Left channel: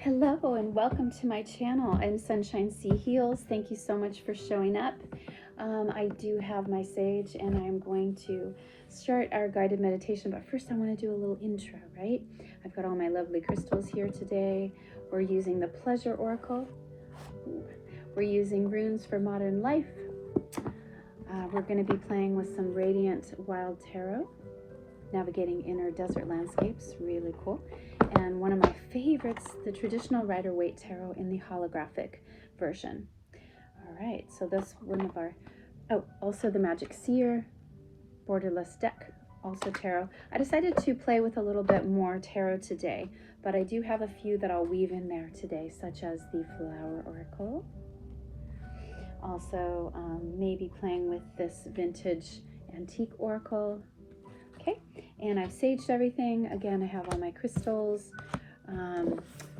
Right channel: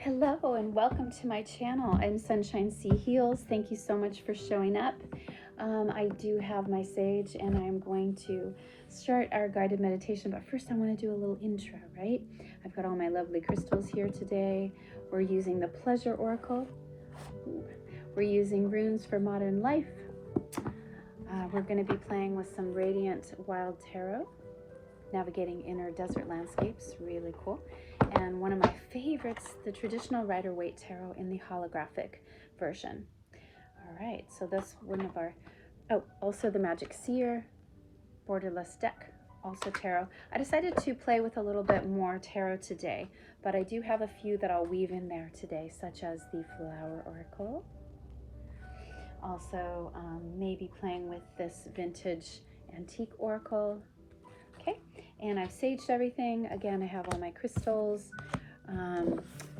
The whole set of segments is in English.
Hello and welcome to my channel. I'm Sunshine Sea Heals. Thank you so much for showing up. I do have my sage and I'm going to start our guided meditation, but first I want to do a little intro, right? I've got all my lovely crystals here today. We're using the Pleasure Oracle. We're using runes for modern life. We're going to be playing with some Radiant Wild Tarot, navigating inner desert landscapes, really cool. And one of my favorites, the traditional Rider-Waite Tarot in the holographic version. All right, so that's one of our, also the Magic Seer, borderless deck, also tarot. I decided to play with a little bit more tarot today, but I do have a few that I'll weave in there today, such as the Flower Oracle. Also, maybe playing with this vintage antique oracle. Okay, and I've saged everything. Again, I have all my crystals.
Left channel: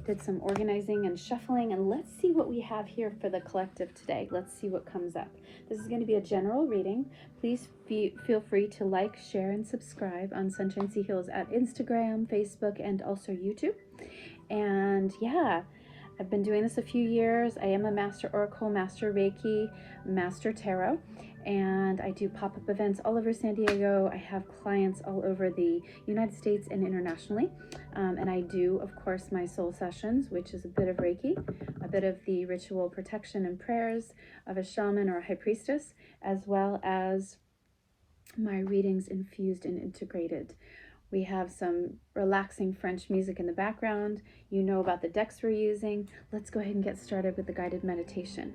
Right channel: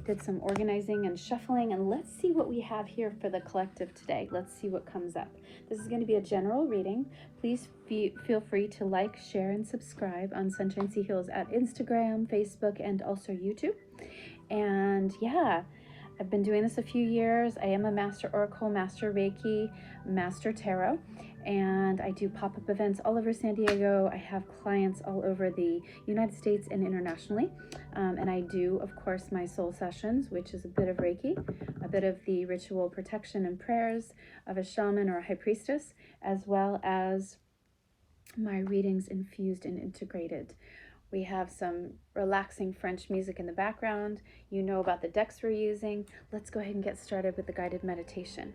Did some organizing and shuffling, and let's see what we have here for the collective today. Let's see what comes up. This is going to be a general reading. Please feel free to like, share, and subscribe on Sunshine Sea Heals at Instagram, Facebook, and also YouTube. And yeah, I've been doing this a few years. I am a Master Oracle, Master Reiki, Master Tarot, and I do pop-up events all over San Diego. I have clients all over the United States and internationally. And I do, of course, my soul sessions, which is a bit of Reiki, a bit of the ritual protection and prayers of a shaman or a high priestess, as well as my readings infused and integrated. We have some relaxing French music in the background. You know about the decks we're using. Let's go ahead and get started with the guided meditation.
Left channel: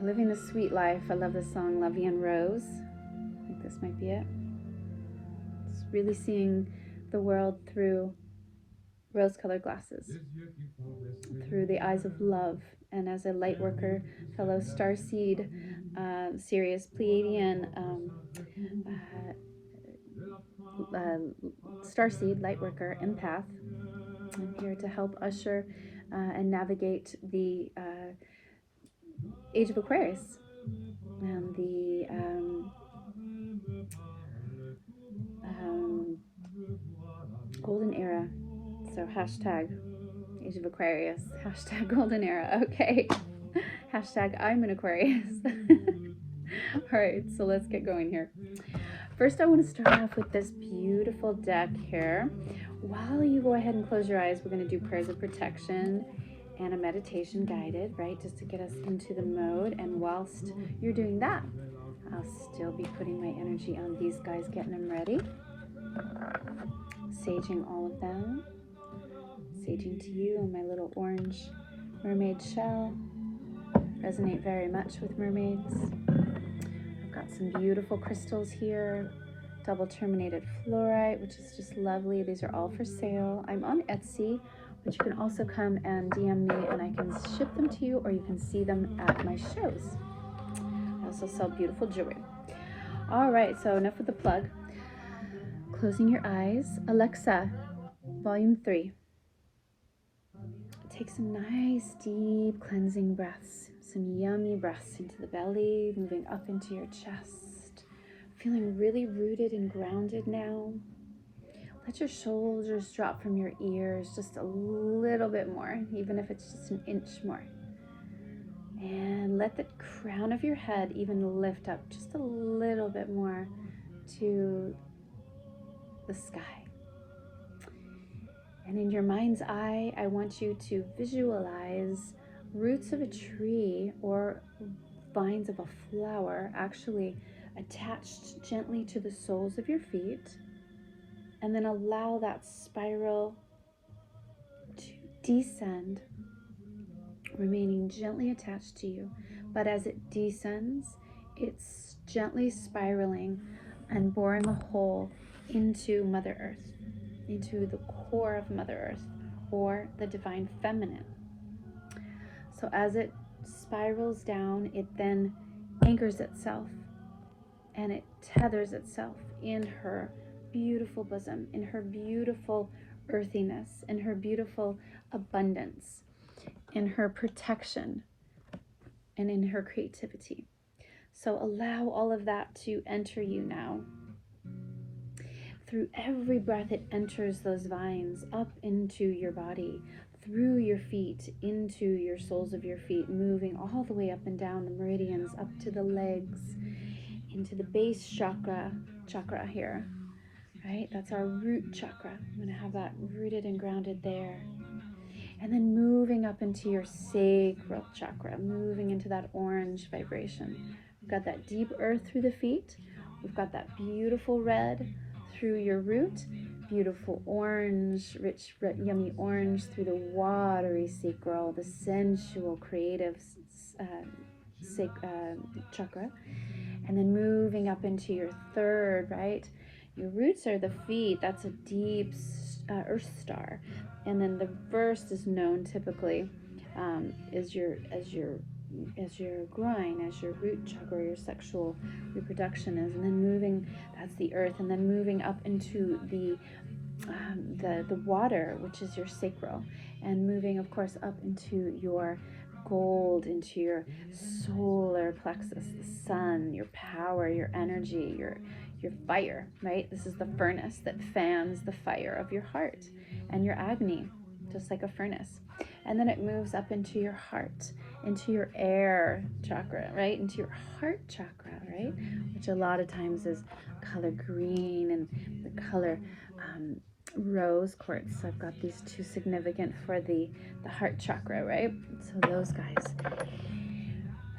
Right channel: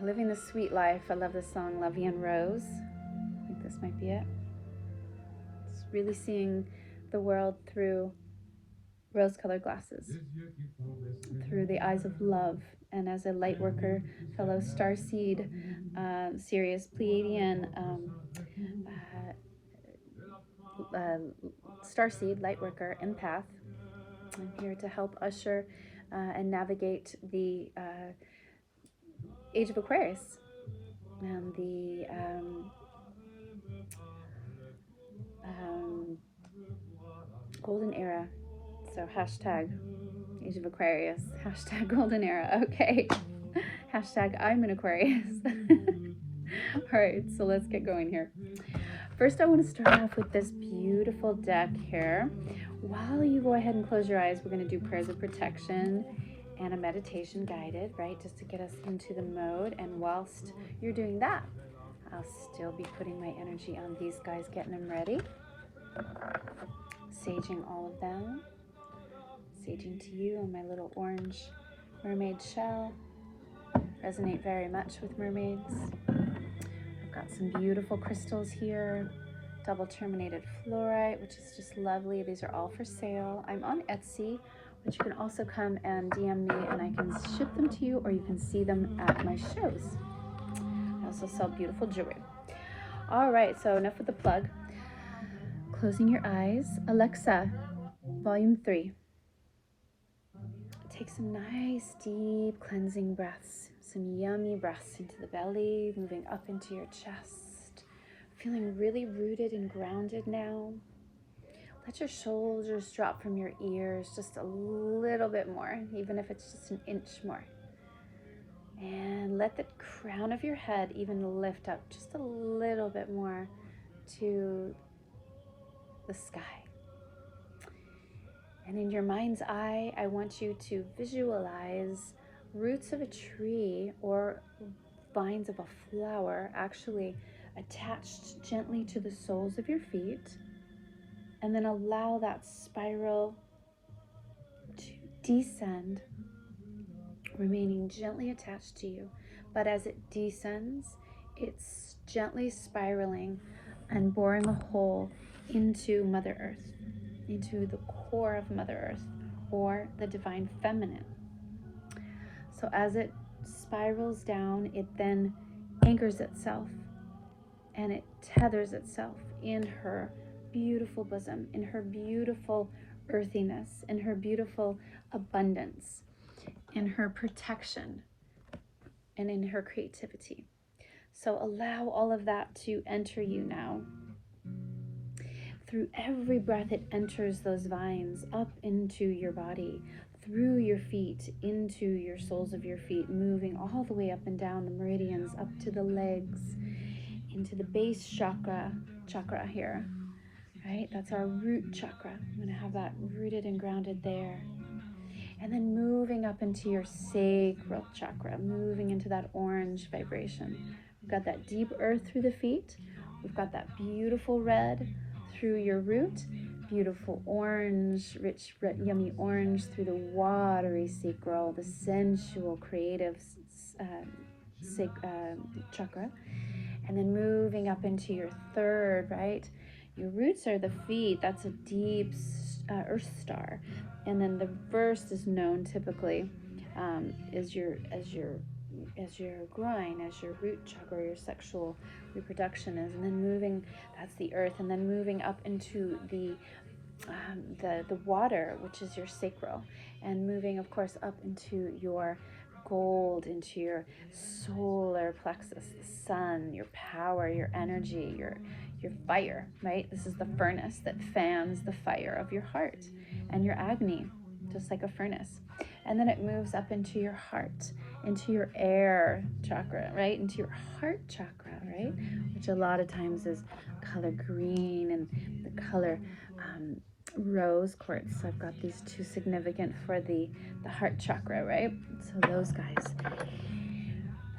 Living the Sweet Life. I love this song, La Vie en Rose. I think this might be it. It's really seeing the world through rose-colored glasses, through the eyes of love. And as a light worker, fellow starseed, Sirius Pleiadian, starseed, lightworker, empath. I'm here to help usher and navigate the age of Aquarius and the golden era. So hashtag age of Aquarius, hashtag golden era. Okay, hashtag I'm an Aquarius. All right, so let's get going here. First, I want to start off with this beautiful deck here. While you go ahead and close your eyes, we're going to do prayers of protection and a meditation guided, right? Just to get us into the mode. And whilst you're doing that, I'll still be putting my energy on these guys, getting them ready. Saging all of them. Saging to you on my little orange mermaid shell. Resonate very much with mermaids. Got some beautiful crystals here, double terminated fluorite, which is just lovely. These are all for sale. I'm on Etsy, but you can also come and DM me and I can ship them to you, or you can see them at my shows. I also sell beautiful jewelry. All right, so enough with the plug. Closing your eyes. Alexa, volume 3. Take some nice deep cleansing breaths. Some yummy breaths into the belly, moving up into your chest. Feeling really rooted and grounded now. Let your shoulders drop from your ears just a little bit more, even if it's just an inch more. And let the crown of your head even lift up just a little bit more to the sky. And in your mind's eye, I want you to visualize roots of a tree or vines of a flower actually attached gently to the soles of your feet, and then allow that spiral to descend, remaining gently attached to you. But as it descends, it's gently spiraling and boring a hole into Mother Earth, into the core of Mother Earth, or the divine feminine. So as it spirals down, it then anchors itself and it tethers itself in her beautiful bosom, in her beautiful earthiness, in her beautiful abundance, in her protection, and in her creativity. So allow all of that to enter you now. through every breath, it enters those vines up into your body, through your feet, into your soles of your feet, moving all the way up and down the meridians, up to the legs, into the base chakra here, right? That's our root chakra. I'm going to have that rooted and grounded there. And then moving up into your sacral chakra, moving into that orange vibration. We've got that deep earth through the feet. We've got that beautiful red through your root, beautiful orange, rich, yummy orange through the watery sacral, the sensual, creative chakra. And then moving up into your third, right? Your roots are the feet. That's a deep earth star. And then the first is known typically as your groin, as your root chakra, your sexual reproduction is. And then moving, that's the earth. And then moving up into the water, which is your sacral, and moving, of course, up into your gold, into your solar plexus, the sun, your power, your energy, your fire, right? This is the furnace that fans the fire of your heart and your agni, just like a furnace. And then it moves up into your heart, into your air chakra, right? Into your heart chakra, right? Which a lot of times is color green and the color rose quartz. So I've got these two significant for the heart chakra, right? So those guys,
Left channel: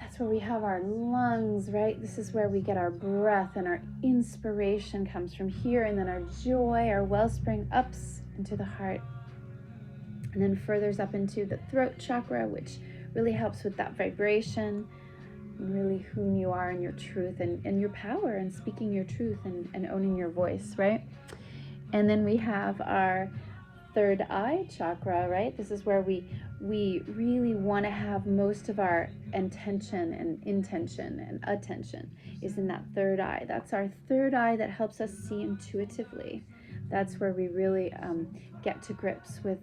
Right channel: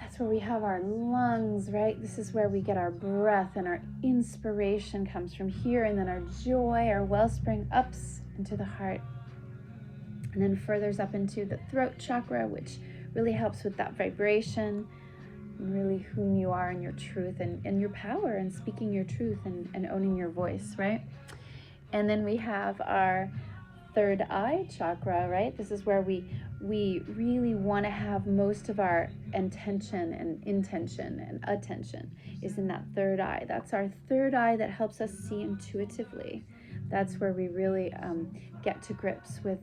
that's where we have our lungs, right? This is where we get our breath, and our inspiration comes from here, and then our joy, our wellspring ups into the heart, and then furthers up into the throat chakra, which really helps with that vibration, and really whom you are and your truth and your power, and speaking your truth and owning your voice, right? And then we have our third eye chakra, right? This is where we really want to have most of our intention and intention and attention is in that third eye. That's our third eye that helps us see intuitively. That's where we really get to grips with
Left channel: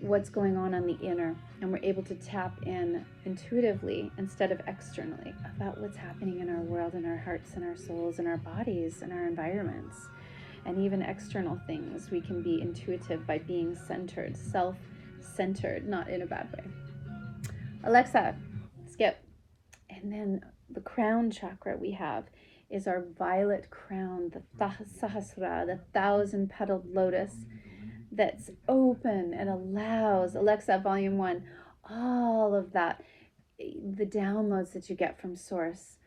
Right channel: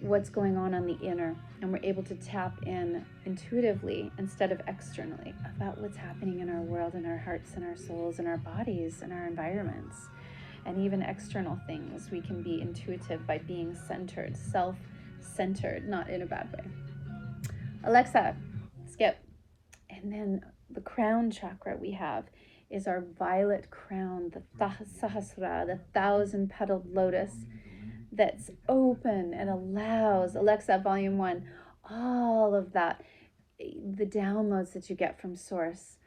what's going on the inner, and we're able to tap in intuitively instead of externally about what's happening in our world, in our hearts and our souls and our bodies and our environments. And even external things, we can be intuitive by being centered, self-centered, not in a bad way. Alexa, skip. And then the crown chakra we have is our violet crown, the Sahasrara, the 1,000-petaled lotus that's open and allows, Alexa, volume 1, all of that, the downloads that you get from source,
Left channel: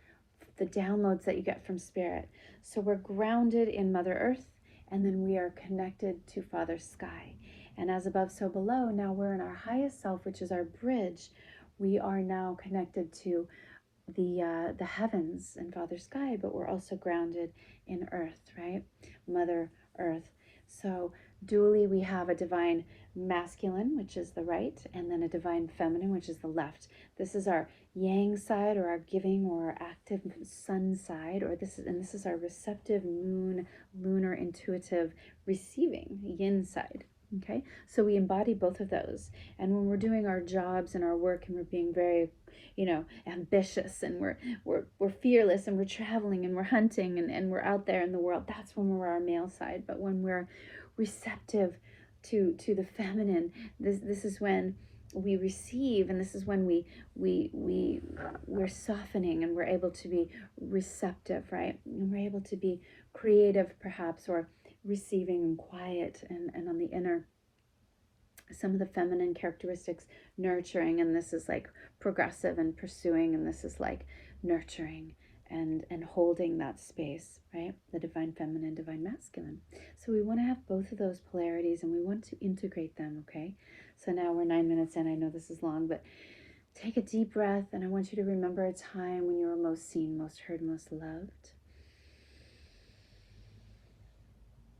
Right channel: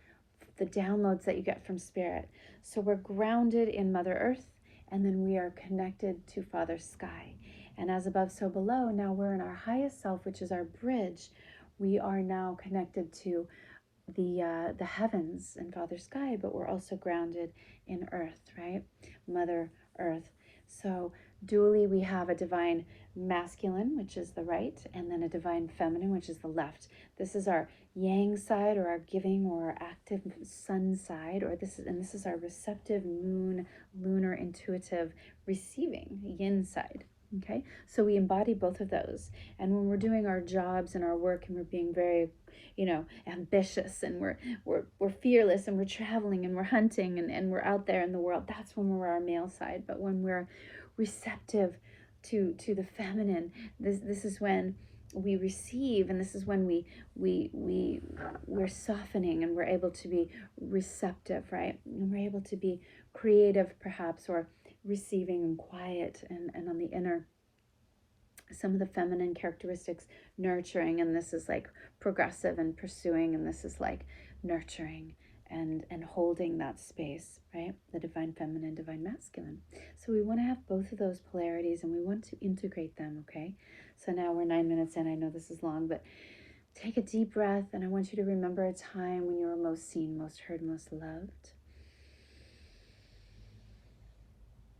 the downloads that you get from spirit. So we're grounded in Mother Earth, and then we are connected to Father Sky. And as above, so below, now we're in our highest self, which is our bridge. We are now connected to the heavens and Father Sky, but we're also grounded in Earth, right? Mother Earth. So dually, we have a divine masculine, which is the right, and then a divine feminine, which is the left. This is our yang side, or our giving, or our active sun side, or this is our receptive moon, lunar, intuitive, receiving yin side. Okay, so we embody both of those, and when we're doing our jobs and our work, and we're being very, ambitious, and we're fearless, and we're traveling, and we're hunting, and we're out there in the world, that's when we're our male side. But when we're receptive to the feminine, this is when we receive, and this is when we're softening, and we're able to be receptive, right? And we're able to be creative, perhaps, or receiving and quiet, and on the inner, some of the feminine characteristics, nurturing, and this is like progressive and pursuing, and this is like nurturing and holding that space, right? The divine feminine, divine masculine. So we want to have both of those polarities, and we want to integrate them, okay? So now we're 9 minutes in. I know this is long, but take a deep breath, and I want you to remember a time when you were most seen, most heard, most loved.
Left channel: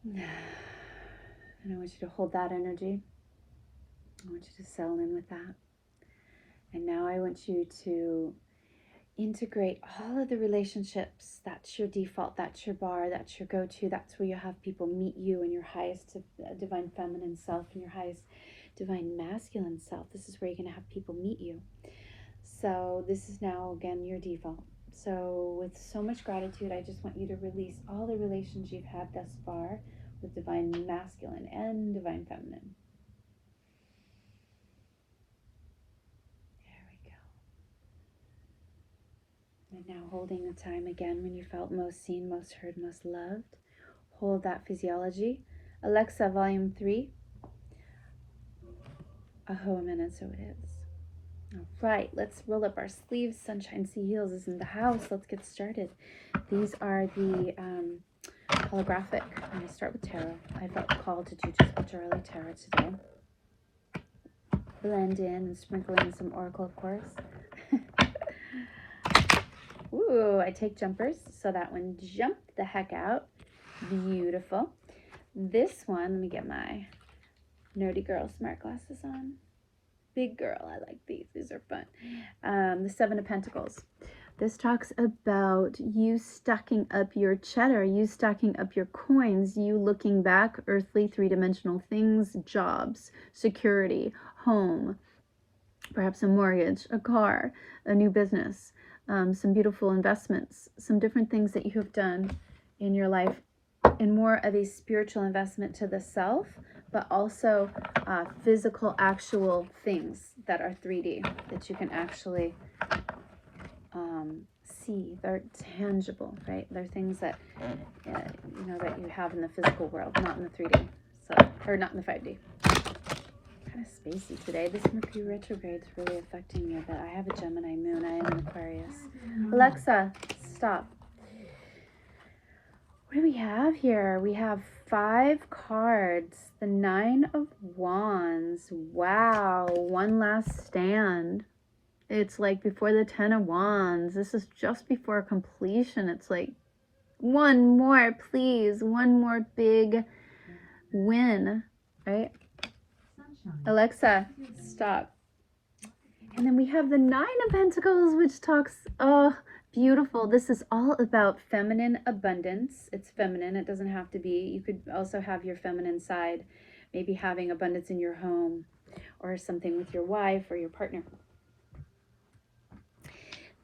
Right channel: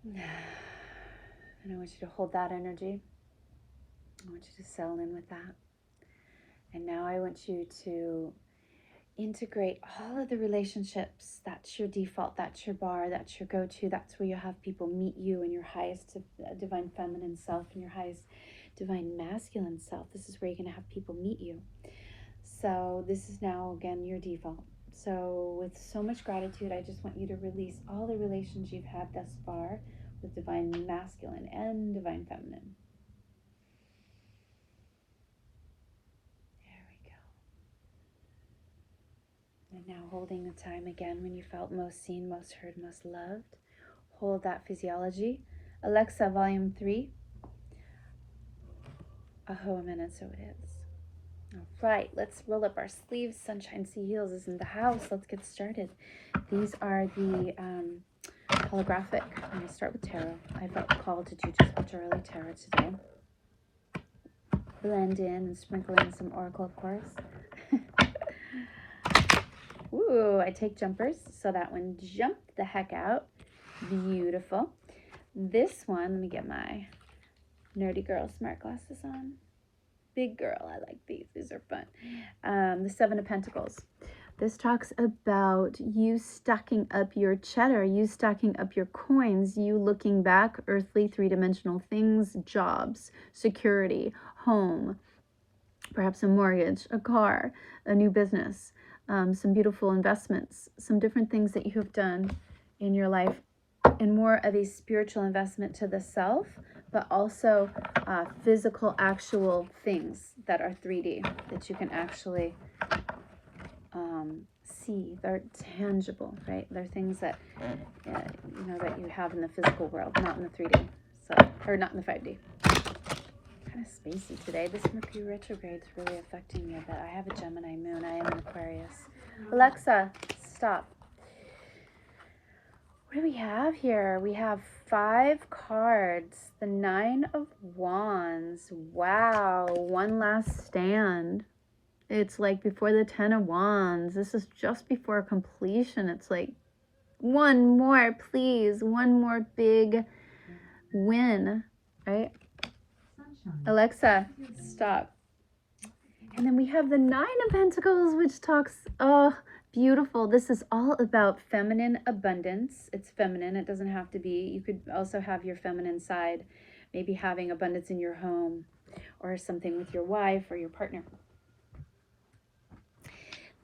And I want you to hold that energy. I want you to settle in with that. And now I want you to integrate all of the relationships. That's your default, that's your bar, that's your go-to, that's where you have people meet you in your highest divine feminine self and your highest divine masculine self. This is where you're going to have people meet you. So this is now, again, your default. So with so much gratitude, I just want you to release all the relations you've had thus far the divine masculine and divine feminine. There we go. And now holding the time again when you felt most seen, most heard, most loved. Hold that physiology. Alexa, volume 3. Oh, a minute, so it is. All right, let's roll up our sleeves. Sunshine Sea Heals is in the house. Let's get started. These are the holographic. I'm going to start with tarot. I felt called to do just majorly tarot today. Blend in and sprinkle in some oracle, of course. Ooh, I take jumpers, so that one jumped the heck out. Beautiful. This one, let me get my nerdy girl smart glasses on. Big girl, I like these. These are fun. The Seven of Pentacles. This talks about you stacking up your cheddar, you stacking up your coins, you looking back, earthly, three-dimensional things, jobs, security, home, perhaps a mortgage, a car, a new business, some beautiful investments, some different things that you have done in your life in more of a spiritual investment to the self, but also physical, actual things that are 3D, that you can actually see. They're tangible, right? They're things that, you know, that you have in the physical world, not in the 3D, so, or not in the 5D. Kind of spacey today. This Mercury retrograde is really affecting me a bit. I have a Gemini moon. I am an Aquarius. Alexa, stop. What do we have here? We have 5 cards. The 9 of Wands. Wow. One last stand. It's like before the 10 of Wands. This is just before completion. It's like, one more, please. One more big win, right? Alexa, stop. And then we have the 9 of Pentacles, which talks, oh, beautiful. This is all about feminine abundance. It's feminine. It doesn't have to be. You could also have your feminine side, maybe having abundance in your home or something with your wife or your partner.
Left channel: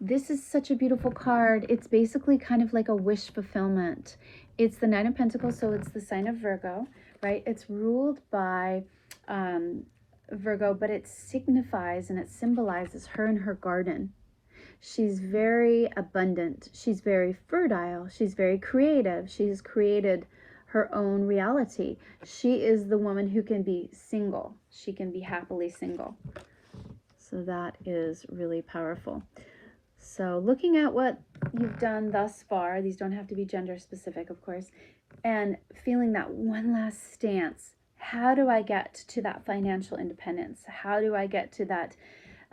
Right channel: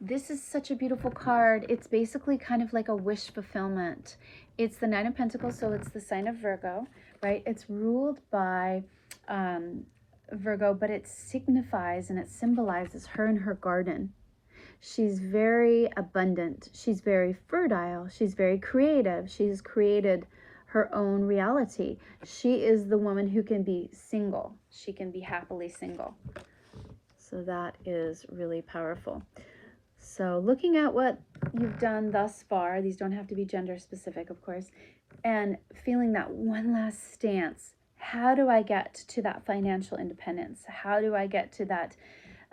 This is such a beautiful card. It's basically kind of like a wish fulfillment. It's the 9 of Pentacles, so it's the sign of Virgo, right? It's ruled by Virgo, but it signifies and it symbolizes her and her garden. She's very abundant. She's very fertile. She's very creative. She's created her own reality. She is the woman who can be single. She can be happily single. So that is really powerful. So looking at what you've done thus far, these don't have to be gender specific, of course, and feeling that one last stance. How do I get to that financial independence? How do I get to that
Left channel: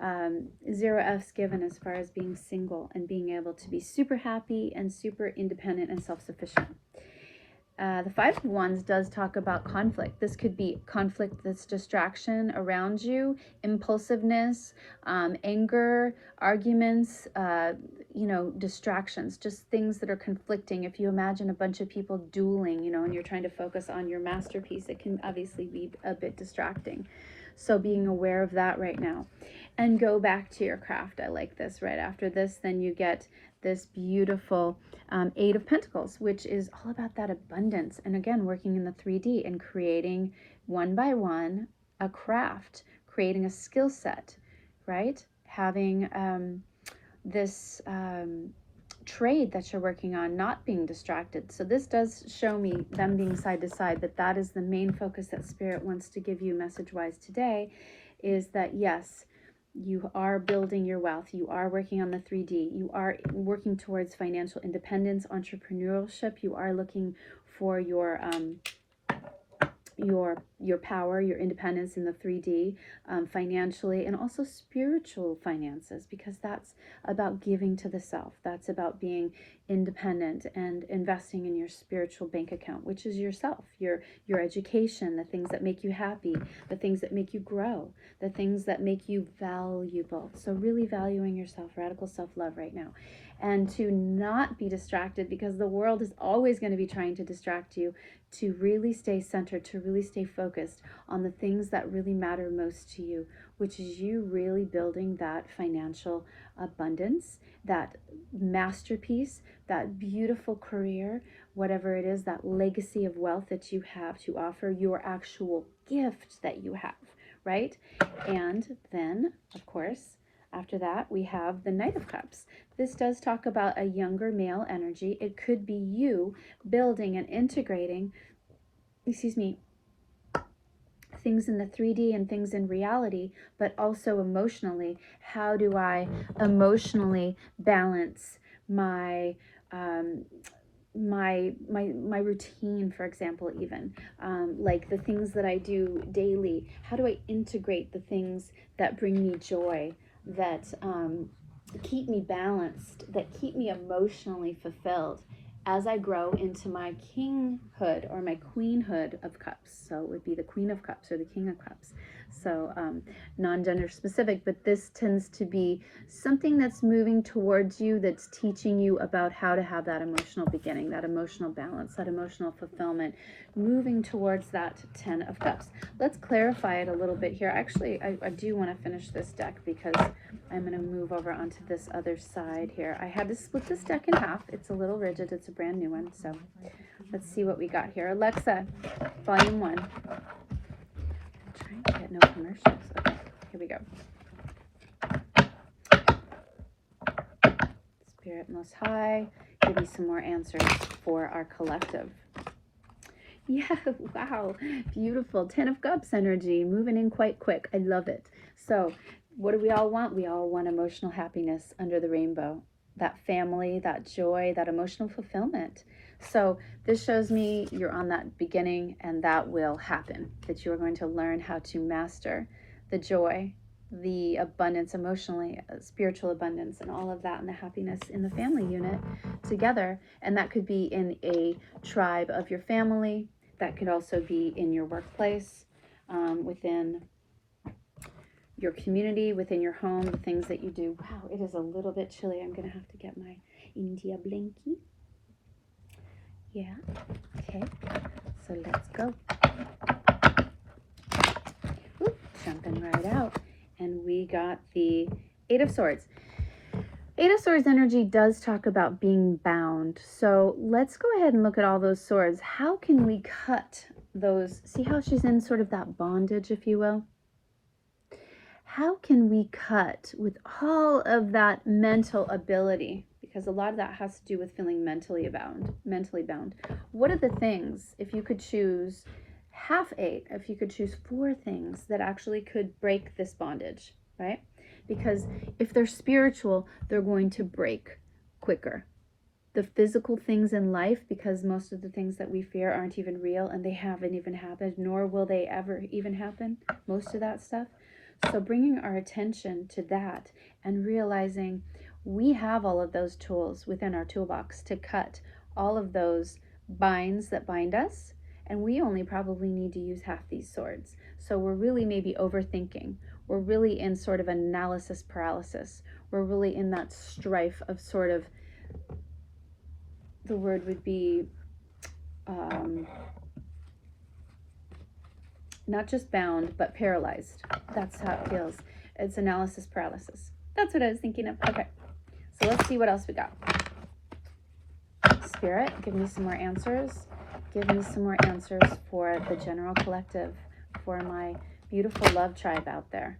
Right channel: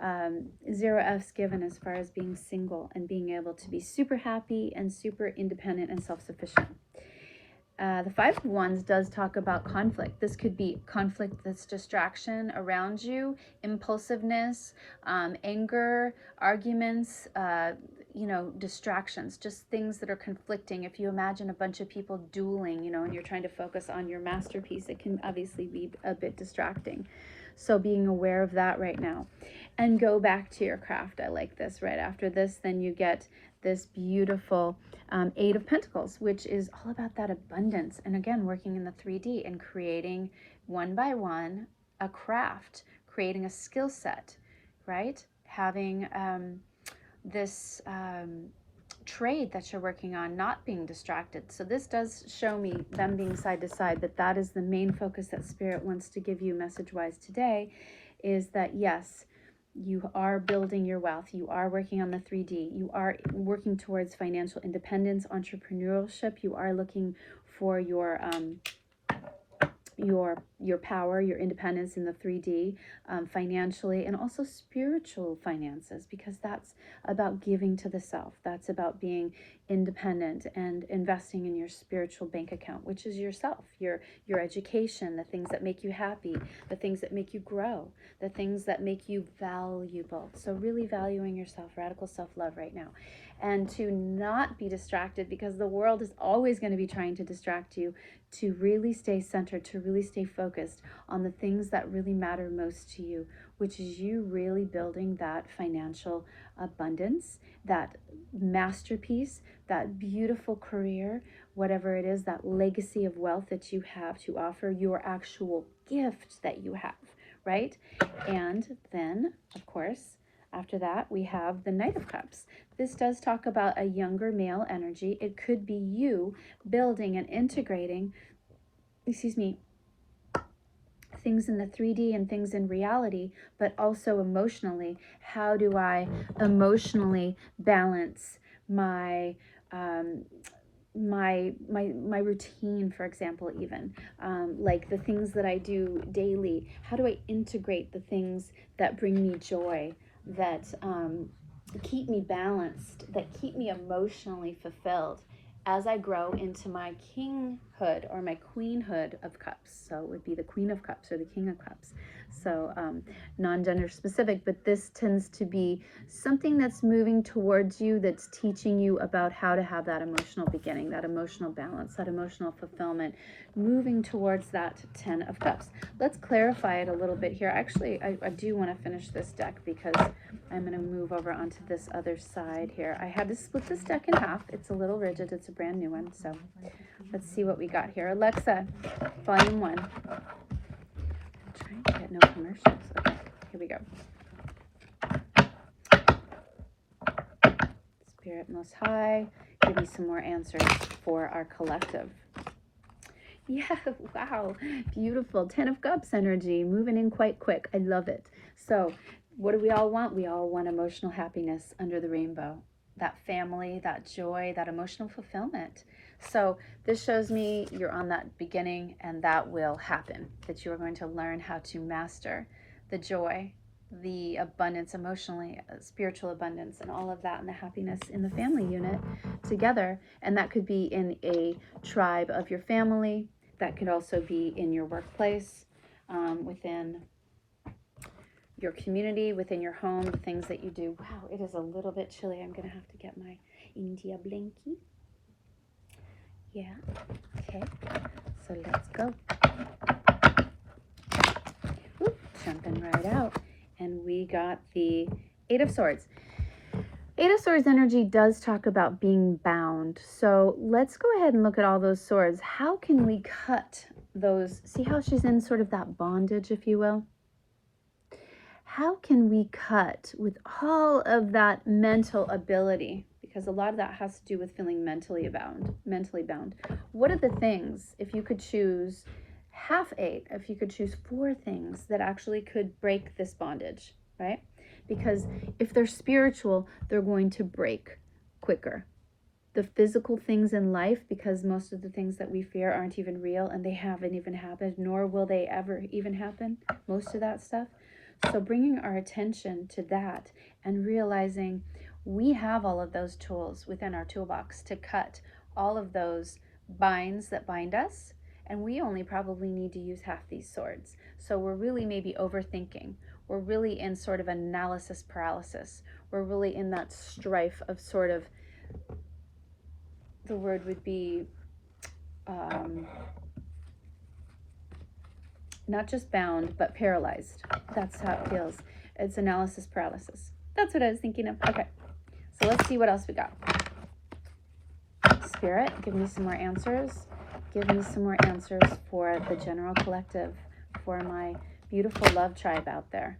0 F's given as far as being single and being able to be super happy and super independent and self-sufficient? The 5 of Wands does talk about conflict. This could be conflict that's distraction around you, impulsiveness, anger, arguments, you know, distractions, just things that are conflicting. If you imagine a bunch of people dueling, you know, and you're trying to focus on your masterpiece, it can obviously be a bit distracting. So being aware of that right now. And go back to your craft. I like this. Right after this, then you get this beautiful 8 of Pentacles, which is all about that abundance. And again, working in the 3D and creating one by one a craft, creating a skill set, right? Having this trade that you're working on, not being distracted. So this does show me them being side to side, but that is the main focus that Spirit wants to give you message-wise today, is that yes, you are building your wealth, you are working on the 3D, you are working towards financial independence, entrepreneurship, you are looking for your power, your independence in the 3D, financially, and also spiritual finances, because that's about giving to the self. That's about being independent and investing in your spiritual bank account, which is yourself, your education, the things that make you happy, the things that make you grow, the things that make you valuable. So really valuing yourself, radical self-love right now. and to not be distracted, because the world is always going to be trying to distract you, to really stay centered, to really stay focused on the things that really matter most to you, which is you really building that financial abundance, that masterpiece, that beautiful career, whatever it is, that legacy of wealth that you have to offer, your actual gift that you have, right? And then, of course, after that, we have the Knight of Cups. This does talk about a younger male energy. It could be you building and integrating, things in the 3D and things in reality, but also emotionally. How do I emotionally balance my my routine, for example, even like the things that I do daily? How do I integrate the things that bring me joy, that keep me balanced, that keep me emotionally fulfilled as I grow into my kinghood or my queenhood of cups? So it would be the Queen of Cups or the King of Cups. So non-gender specific, but this tends to be something that's moving towards you, that's teaching you about how to have that emotional beginning, that emotional balance, that emotional fulfillment, moving towards that 10 of Cups. Let's clarify it a little bit here. Actually, I do want to finish this deck because I'm going to move over onto this other side here. I had to split this deck in half. It's a little rigid. It's a brand new one. So let's see what we got here. Alexa, volume 1. I'm trying to get no commercials. Okay, here we go. Spirit Most High, give me some more answers for our collective. Yeah, wow, beautiful. 10 of Cups energy, moving in quite quick. I love it. So what do we all want? We all want emotional happiness under the rainbow, that family, that joy, that emotional fulfillment. So this shows me you're on that beginning, and that will happen, that you are going to learn how to master the joy, the abundance emotionally, spiritual abundance, and all of that, and the happiness in the family unit together. And that could be in a tribe of your family. That could also be in your workplace, within your community, within your home, the things that you do. Wow, it is a little bit chilly. I'm going to have to get my India blankie. Yeah, okay, so let's go. Ooh, jumping right out. And we got the 8 of Swords. 8 of Swords energy does talk about being bound. So let's go ahead and look at all those swords. How can we cut those? See how she's in sort of that bondage, if you will? How can we cut with all of that mental ability? Because a lot of that has to do with feeling mentally bound. What are the things, if you could choose half 8, if you could choose 4 things that actually could break this bondage, right? Because if they're spiritual, they're going to break quicker. The physical things in life, because most of the things that we fear aren't even real, and they haven't even happened, nor will they ever even happen, most of that stuff. So bringing our attention to that and realizing we have all of those tools within our toolbox to cut all of those binds that bind us, and we only probably need to use half these swords. So we're really maybe overthinking. We're really in sort of analysis paralysis. We're really in that strife of sort of, the word would be not just bound, but paralyzed. That's how it feels. It's analysis paralysis. That's what I was thinking of. Okay, so let's see what else we got. Spirit, give me some more answers. Give me some more answers for the general collective, for my beautiful love tribe out there.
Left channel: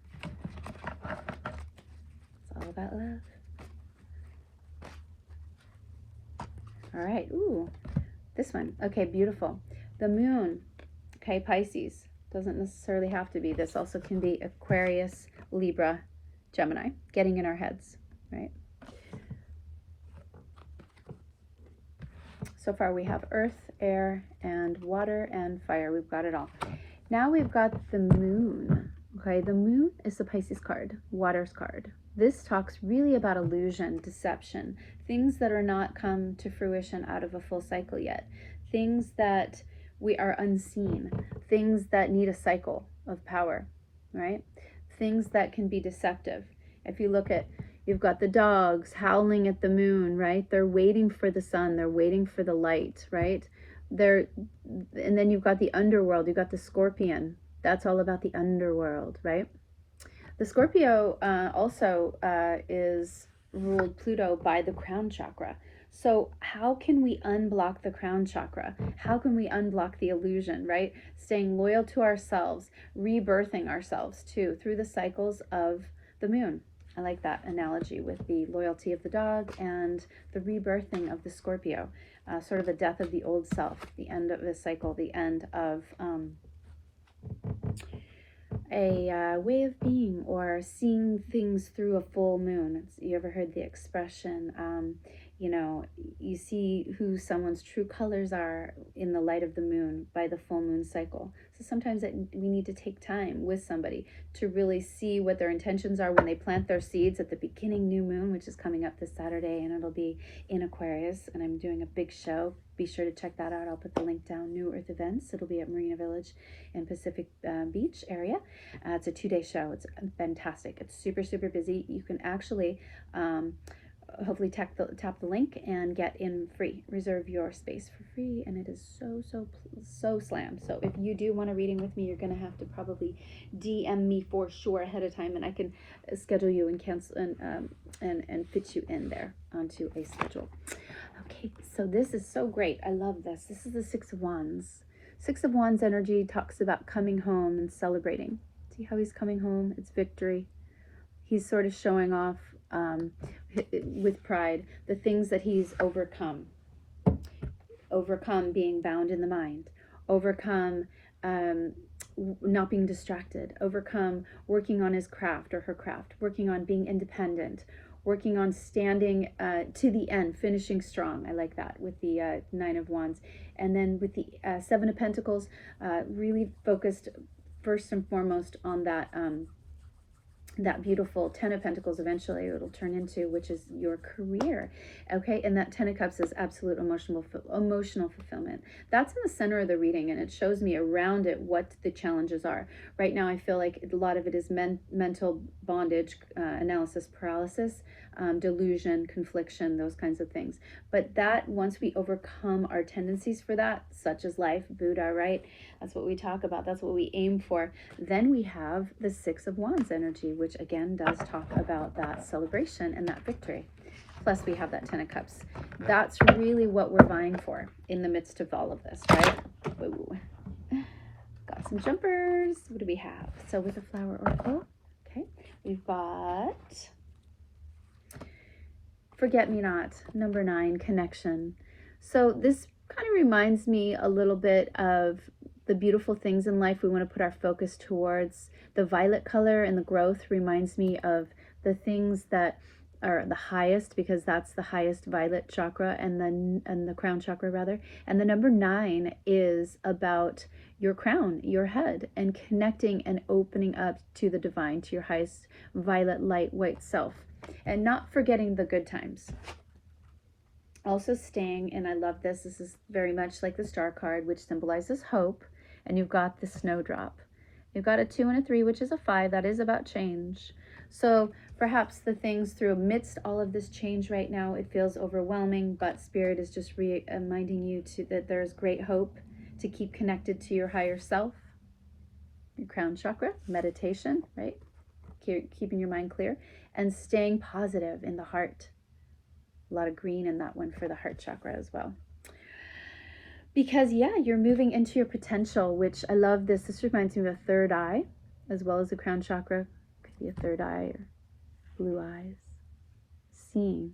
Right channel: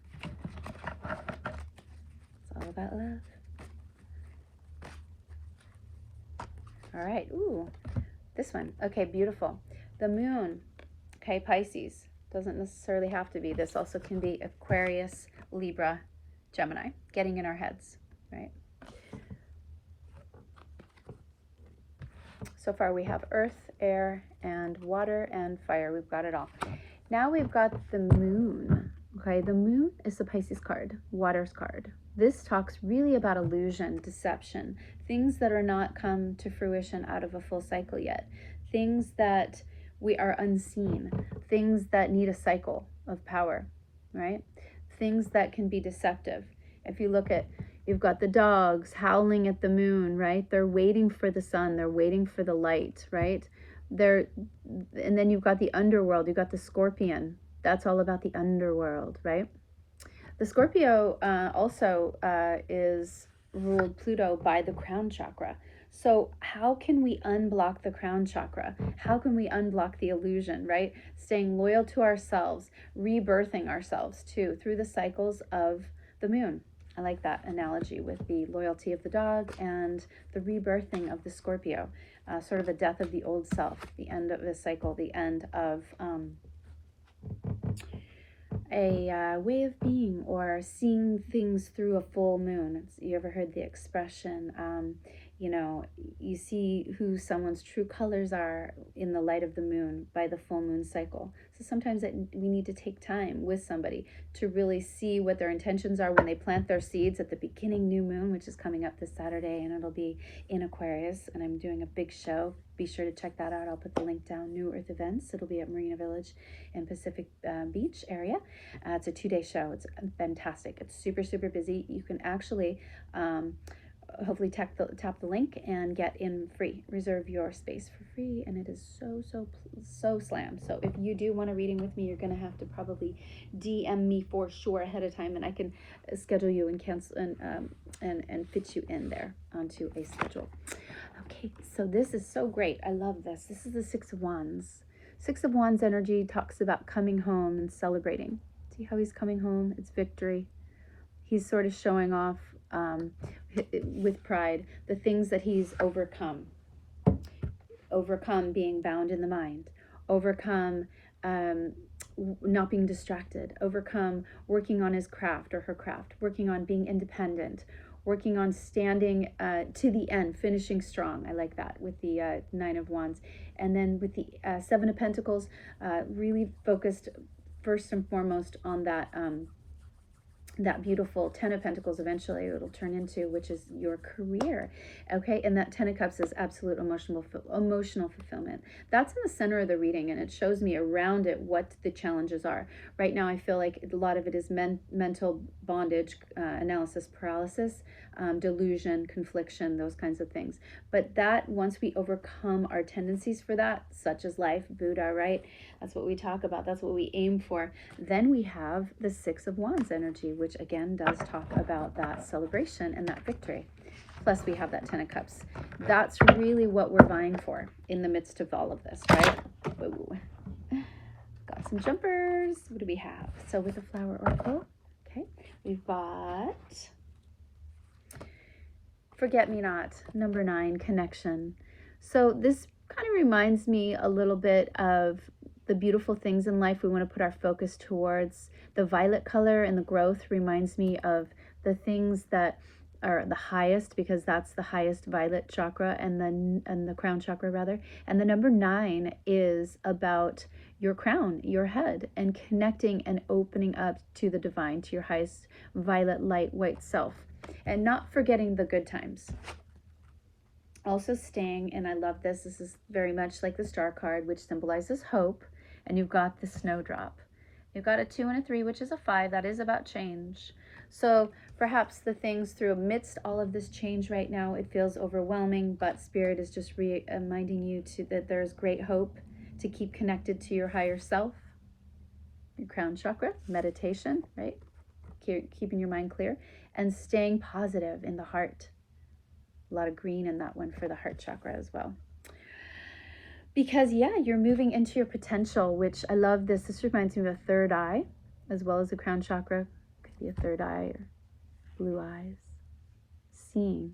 It's all about love. All right, ooh, this one. Okay, beautiful. The moon, okay, Pisces. Doesn't necessarily have to be. This also can be Aquarius, Libra, Gemini, getting in our heads, right? So far we have earth, air, and water, and fire. We've got it all. Now we've got the moon. Okay, the moon is the Pisces card, water's card. This talks really about illusion, deception, things that are not come to fruition out of a full cycle yet, things that we are unseen, things that need a cycle of power, right? Things that can be deceptive. If you look at, You've got the dogs howling at the moon, right? They're waiting for the sun. They're waiting for the light, right? And then you've got the underworld. You've got the scorpion. That's all about the underworld, right? The Scorpio also is ruled Pluto by the crown chakra. So how can we unblock the crown chakra? How can we unblock the illusion, right? Staying loyal to ourselves, rebirthing ourselves too through the cycles of the moon. I like that analogy with the loyalty of the dog and the rebirthing of the Scorpio, sort of the death of the old self, the end of the cycle, the end of a way of being, or seeing things through a full moon. You ever heard the expression, you know, you see who someone's true colors are in the light of the moon by the full moon cycle. So sometimes we need to take time with somebody to really see what their intentions are when they plant their seeds at the beginning new moon, which is coming up this Saturday, and it'll be in Aquarius, and I'm doing a big show. Be sure to check that out. I'll put the link down. New Earth Events. It'll be at Marina Village in Pacific Beach area. It's a 2-day show. It's fantastic. It's super, super busy. You can actually hopefully tap the link and get in free. Reserve your space for free, and it is so slammed. So if you do want a reading with me, you're going to have to probably DM me for sure ahead of time, and I can schedule you and cancel and fit you in there onto a schedule. Okay, so this is so great. I love this. This is the Six of Wands. Six of Wands energy talks about coming home and celebrating. See how he's coming home? It's victory. He's sort of showing off with pride the things that he's overcome. Overcome being bound in the mind. Overcome not being distracted. Overcome working on his craft or her craft. Working on being independent. Working on standing to the end, finishing strong. I like that with the Nine of Wands. And then with the Seven of Pentacles, really focused first and foremost on that that beautiful Ten of Pentacles eventually it'll turn into, which is your career. Okay, and that Ten of Cups is absolute emotional fulfillment. That's in the center of the reading, and it shows me around it what the challenges are. Right now I feel like a lot of it is mental bondage, analysis paralysis, delusion, confliction, those kinds of things. But that, once we overcome our tendencies for that, such as life, Buddha, right? That's what we talk about. That's what we aim for. Then we have the Six of Wands energy, which again does talk about that celebration and that victory. Plus we have that Ten of Cups. That's really what we're vying for in the midst of all of this, right? Whoa. Got some jumpers. What do we have? So with the flower oracle, okay, we've got Forget-Me-Not, number 9, connection. So this kind of reminds me a little bit of the beautiful things in life we want to put our focus towards. The violet color and the growth reminds me of the things that are the highest, because that's the highest violet chakra, and the crown chakra rather. And the number 9 is about your crown, your head, and connecting and opening up to the divine, to your highest violet light white self, and not forgetting the good times. Also staying, and I love this, this is very much like the star card, which symbolizes hope, and you've got the snowdrop. You've got a 2 and a 3, which is a 5. That is about change. So perhaps the things through amidst all of this change right now, it feels overwhelming, but Spirit is just reminding you that there's great hope to keep connected to your higher self, your crown chakra, meditation, right? Keeping your mind clear and staying positive in the heart. A lot of green in that one for the heart chakra as well. Because, yeah, you're moving into your potential, which I love this. This reminds me of a third eye, as well as the crown chakra. Could be a third eye or blue eyes. Seeing,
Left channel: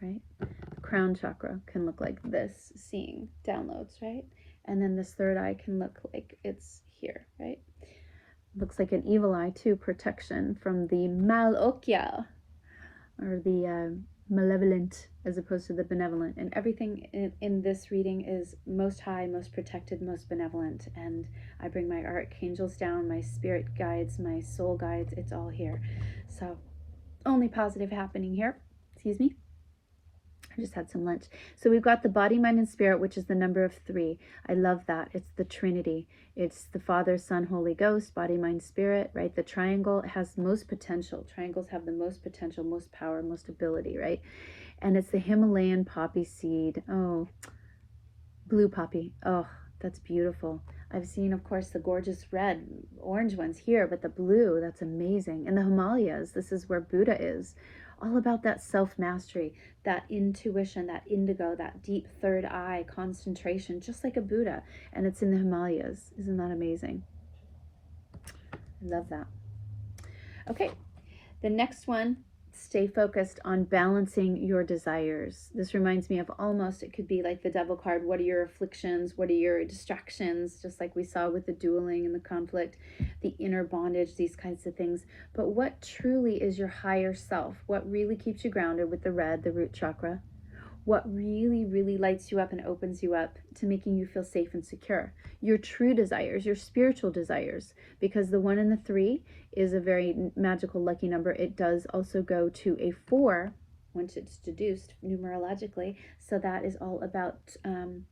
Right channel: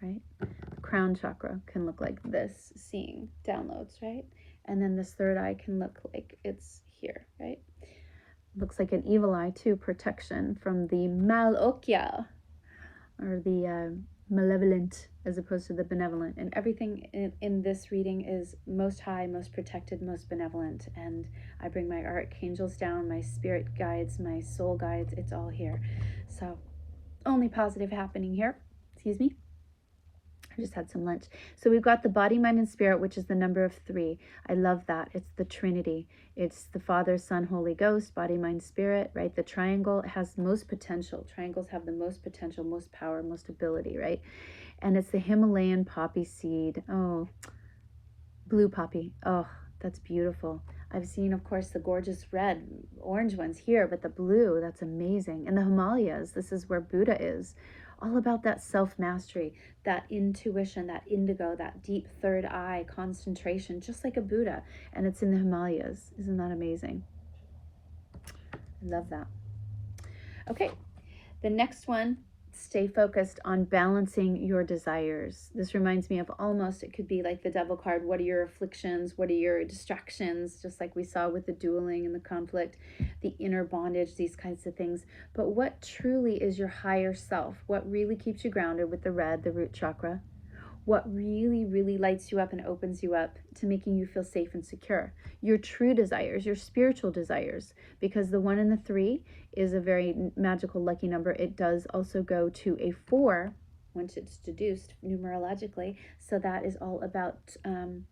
right? The crown chakra can look like this, seeing downloads, right? And then this third eye can look like it's here, right? Looks like an evil eye too, protection from the malokya, or the malevolent, as opposed to the benevolent. And everything in this reading is most high, most protected, most benevolent. And I bring my archangels down, my spirit guides, my soul guides. It's all here. So only positive happening here. Excuse me. I just had some lunch. So we've got the body, mind, and spirit, which is the number of 3. I love that. It's the Trinity. It's the Father, Son, Holy Ghost, body, mind, spirit, right? The triangle has most potential. Triangles have the most potential, most power, most ability, right? And it's the Himalayan poppy seed. Oh, blue poppy. Oh, that's beautiful. I've seen, of course, the gorgeous red, orange ones here, but the blue, that's amazing. And the Himalayas, this is where Buddha is. All about that self-mastery, that intuition, that indigo, that deep third eye concentration, just like a Buddha. And it's in the Himalayas. Isn't that amazing? I love that. Okay, the next one, stay focused on balancing your desires. This reminds me of almost, it could be like the devil card. What are your afflictions? What are your distractions? Just like we saw with the dueling and the conflict, the inner bondage, these kinds of things. But what truly is your higher self? What really keeps you grounded with the red, the root chakra? What really, really lights you up and opens you up to making you feel safe and secure? Your true desires, your spiritual desires, because the 1 and the 3 is a very magical, lucky number. It does also go to a 4 once it's deduced numerologically. So that is all about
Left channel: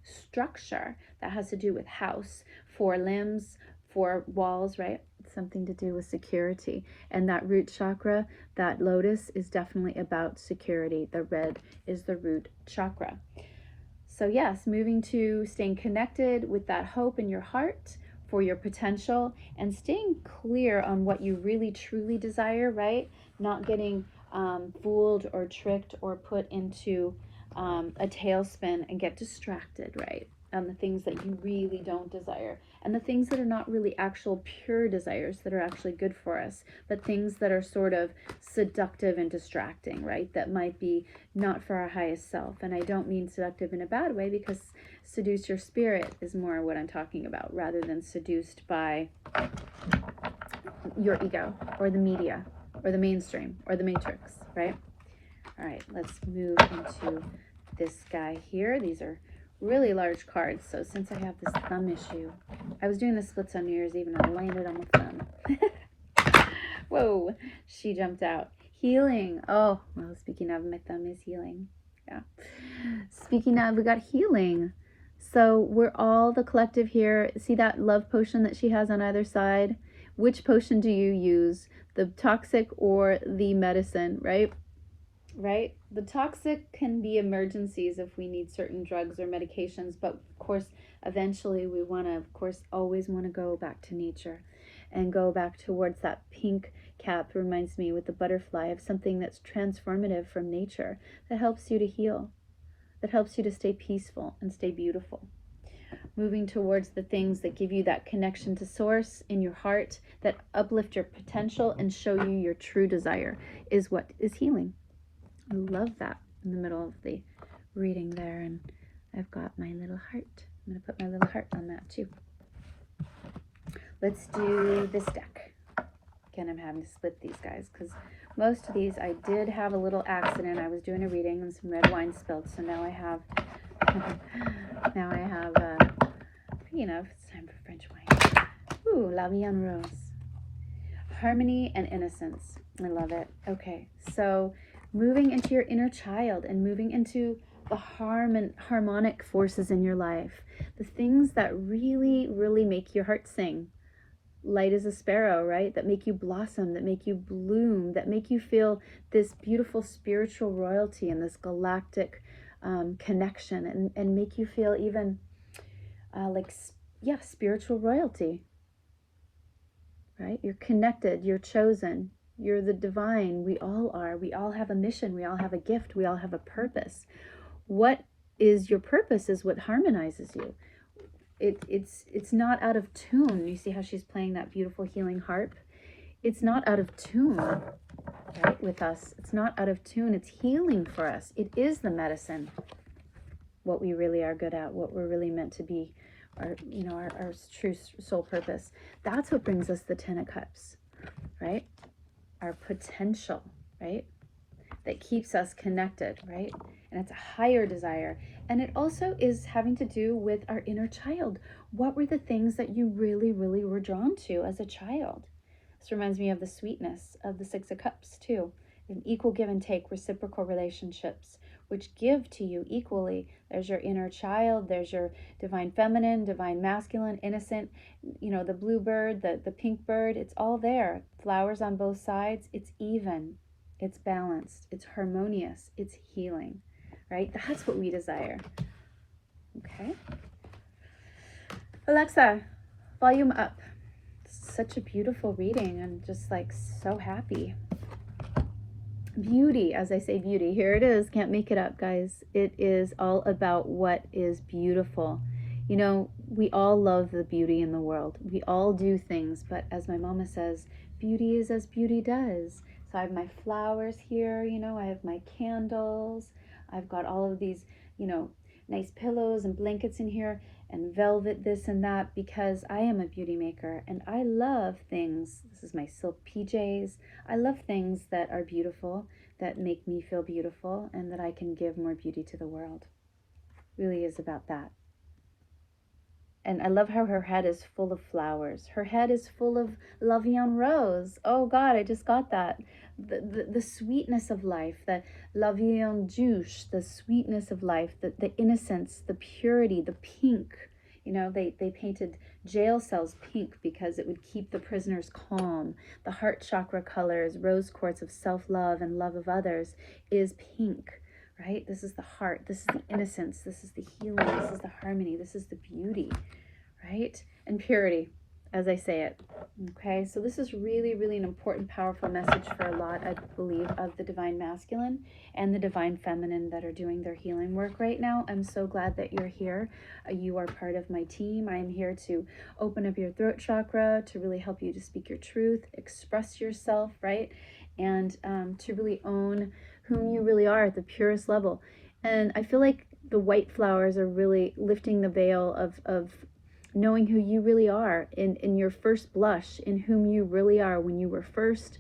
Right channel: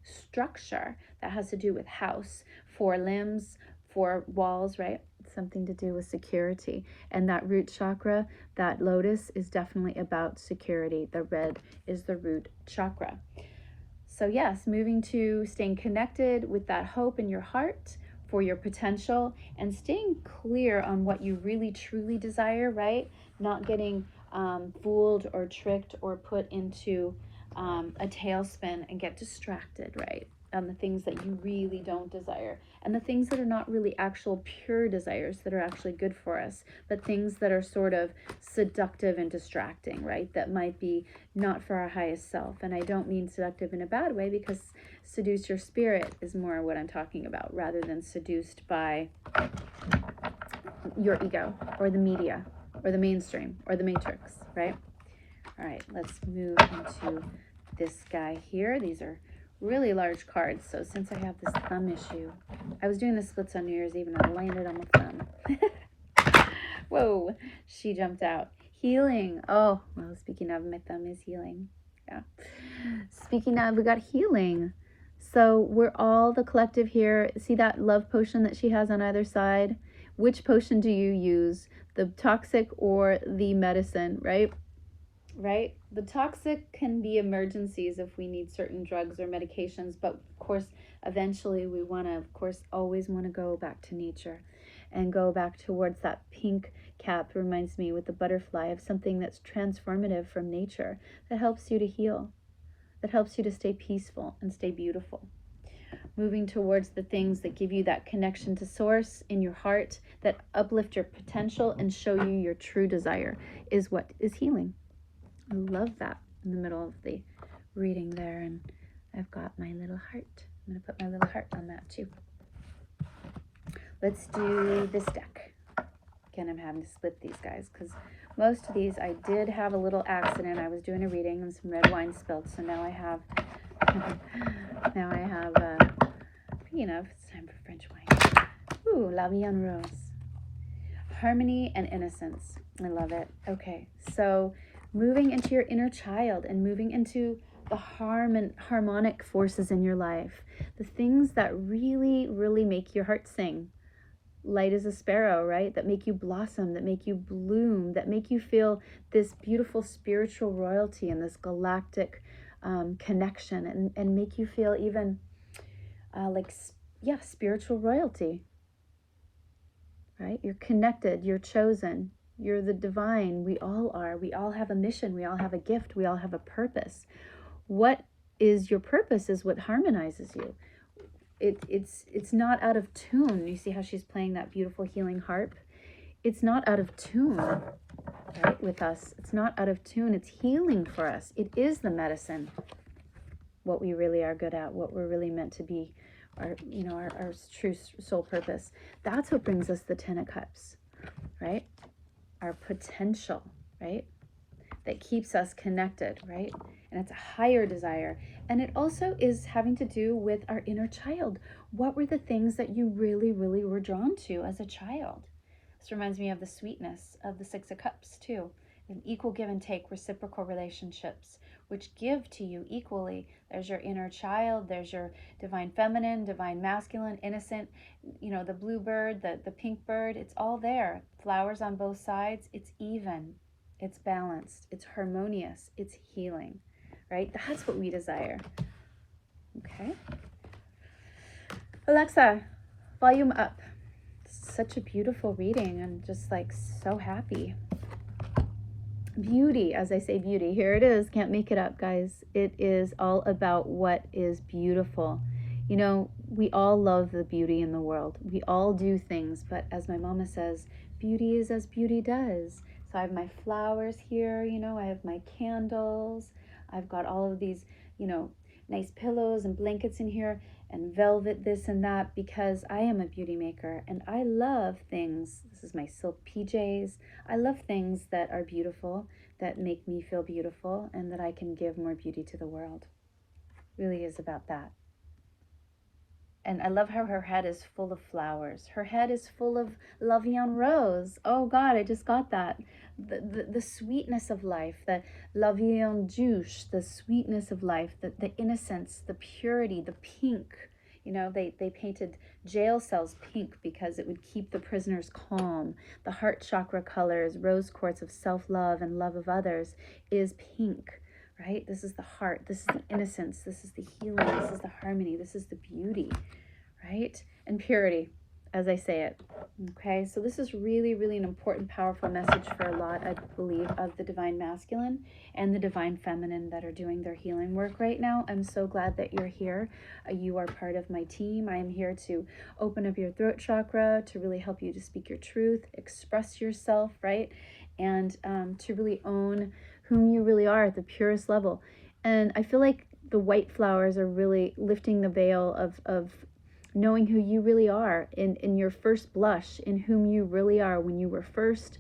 structure. That has to do with house, 4 limbs, 4 walls, right? Something to do with security. And that root chakra, that lotus, is definitely about security. The red is the root chakra. So yes, moving to staying connected with that hope in your heart for your potential, and staying clear on what you really truly desire, right? Not getting fooled or tricked or put into a tailspin and get distracted, right? On the things that you really don't desire, and the things that are not really actual pure desires that are actually good for us, but things that are sort of seductive and distracting, right? That might be not for our highest self. And I don't mean seductive in a bad way, because seduce your spirit is more what I'm talking about, rather than seduced by your ego or the media or the mainstream or the matrix, right? All right, let's move into this guy here. These are really large cards. So since I have this thumb issue, I was doing the splits on New Year's Eve and I landed on my thumb. Whoa, she jumped out. Healing. Oh, well, speaking of, my thumb is healing. Yeah. Speaking of, we got healing. So we're all the collective here. See that love potion that she has on either side? Which potion do you use? The toxic or the medicine, right? Right? The toxic can be emergencies if we need certain drugs or medications, but of course, eventually we want to, of course, always want to go back to nature and go back towards that pink cap. Reminds me with the butterfly of something that's transformative from nature, that helps you to heal, that helps you to stay peaceful and stay beautiful. Moving towards the things that give you that connection to source in your heart, that uplift your potential and show you your true desire, is what is healing. I love that in the middle of the reading there. And I've got my little heart. I'm going to put my little heart on that too. Let's do this deck. Again, I'm having to split these guys because most of these I did have a little accident. I was doing a reading and some red wine spilled. So now I have, speaking of, it's time for French wine. Ooh, La Vie en Rose. Harmony and innocence. I love it. Okay, so moving into your inner child and moving into the harmonic forces in your life, the things that really, really make your heart sing, light as a sparrow, right? That make you blossom, that make you bloom, that make you feel this beautiful spiritual royalty and this galactic connection, and make you feel even spiritual royalty, right? You're connected, you're chosen. You're the divine. We all are. We all have a mission. We all have a gift. We all have a purpose. What is your purpose is what harmonizes you. It's not out of tune. You see how she's playing that beautiful healing harp? It's not out of tune, right, with us. It's not out of tune. It's healing for us. It is the medicine, what we really are good at, what we're really meant to be, our true soul purpose. That's what brings us the 10 of Cups, right? Our potential, right? That keeps us connected, right? And it's a higher desire. And it also is having to do with our inner child. What were the things that you really, really were drawn to as a child? This reminds me of the sweetness of the 6 of Cups too. An equal give and take, reciprocal relationships, which give to you equally. There's your inner child, there's your divine feminine, divine masculine, innocent, you know, the blue bird, the pink bird, it's all there. Flowers on both sides, it's even, it's balanced, it's harmonious, it's healing, right? That's what we desire. Okay. Alexa, volume up. Such a beautiful reading. I'm just like so happy. Beauty, as I say, beauty. Here it is. Can't make it up, guys. It is all about what is beautiful. You know, we all love the beauty in the world. We all do things, but as my mama says, beauty is as beauty does. So I have my flowers here, you know, I have my candles. I've got all of these, you know, nice pillows and blankets in here and velvet this and that, because I am a beauty maker and I love things. This is my silk PJs. I love things that are beautiful, that make me feel beautiful, and that I can give more beauty to the world. It really is about that. And I love how her head is full of flowers. Her head is full of La Vie en Rose. Oh God, I just got that. The sweetness of life, the La Vie en Douce, the sweetness of life, the innocence, the purity, the pink. You know, they painted jail cells pink because it would keep the prisoners calm. The heart chakra colors, rose quartz of self-love and love of others, is pink, right? This is the heart, this is the innocence, this is the healing, this is the harmony, this is the beauty, right? And purity, as I say it. Okay, so this is really, really an important, powerful message for a lot, I believe, of the divine masculine and the divine feminine that are doing their healing work right now. I'm so glad that you're here. You are part of my team. I am here to open up your throat chakra, to really help you to speak your truth, express yourself, right? And to really own whom you really are at the purest level. And I feel like the white flowers are really lifting the veil of knowing who you really are in your first blush, in whom you really are when you were first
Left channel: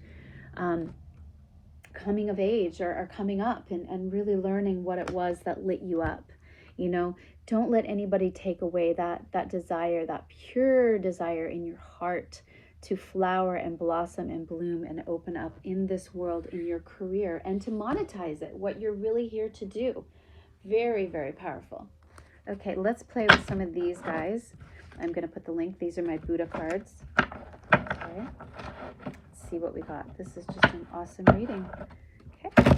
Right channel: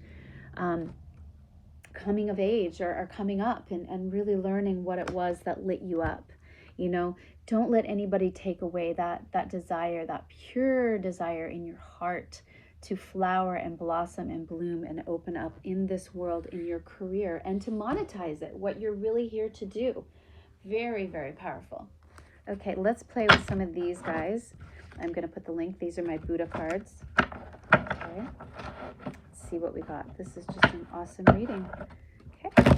coming of age or coming up, and really learning what it was that lit you up. You know, don't let anybody take away that desire, that pure desire in your heart to flower and blossom and bloom and open up in this world, in your career, and to monetize it, what you're really here to do. Very, very powerful. Okay, let's play with some of these guys. I'm going to put the link. These are my Buddha cards. Okay. Let's see what we got. This is just an awesome reading. Okay.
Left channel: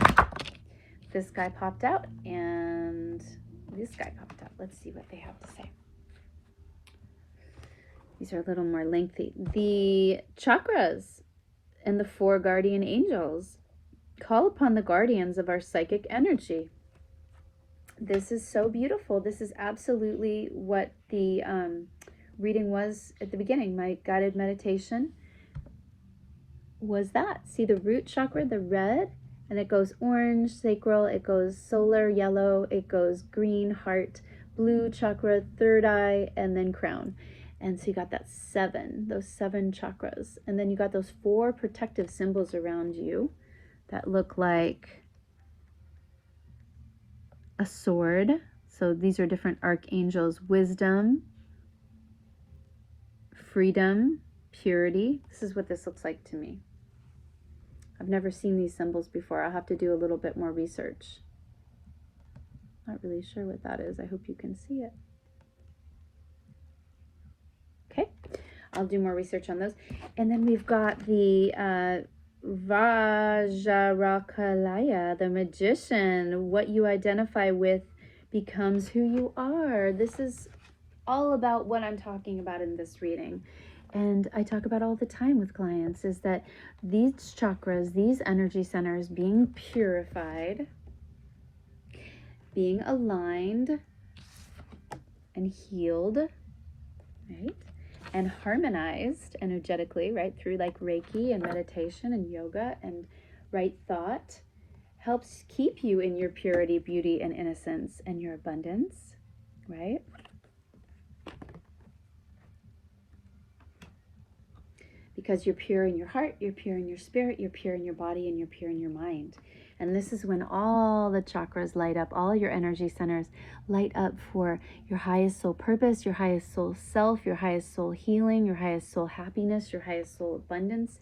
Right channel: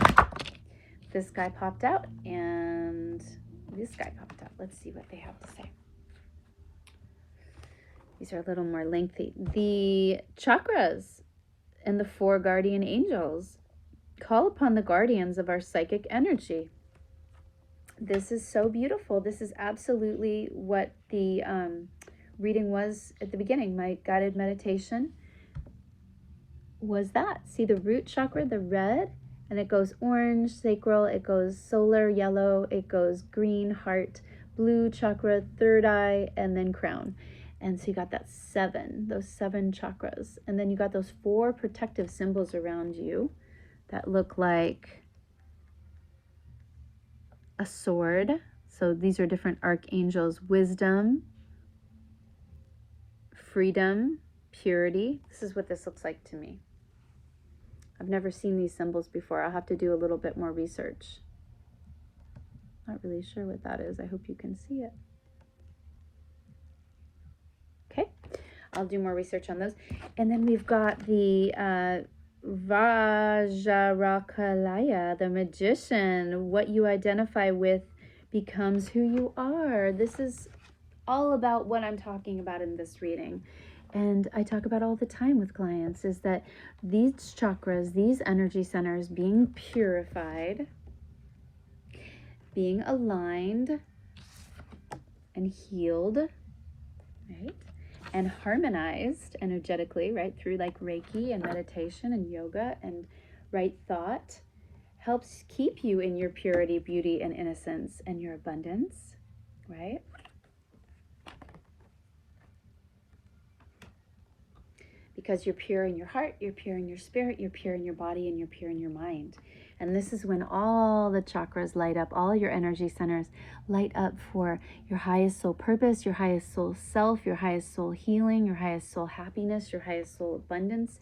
This guy popped out and this guy popped out. Let's see what they have to say. These are a little more lengthy. The chakras and the 4 guardian angels call upon the guardians of our psychic energy. This is so beautiful. This is absolutely what the reading was at the beginning. My guided meditation was that. See the root chakra, the red, and it goes orange, sacral, it goes solar, yellow, it goes green, heart, blue chakra, third eye, and then crown. And so you got that 7, those 7 chakras. And then you got those 4 protective symbols around you that look like a sword. So these are different archangels: wisdom, freedom, purity. This is what this looks like to me. I've never seen these symbols before. I'll have to do a little bit more research. Not really sure what that is. I hope you can see it. Okay, I'll do more research on those. And then we've got the Vajrakalaya, the magician. What you identify with becomes who you are. This is all about what I'm talking about in this reading. And I talk about all the time with clients, is that these chakras, these energy centers being purified, being aligned and healed, right? And harmonized energetically, right? Through like Reiki and meditation and yoga and right thought, helps keep you in your purity, beauty, and innocence and your abundance, right? Because you're pure in your heart, you're pure in your spirit, you're pure in your body, and you're pure in your mind. And this is when all the chakras light up, all your energy centers light up for your highest soul purpose, your highest soul self, your highest soul healing, your highest soul happiness, your highest soul abundance.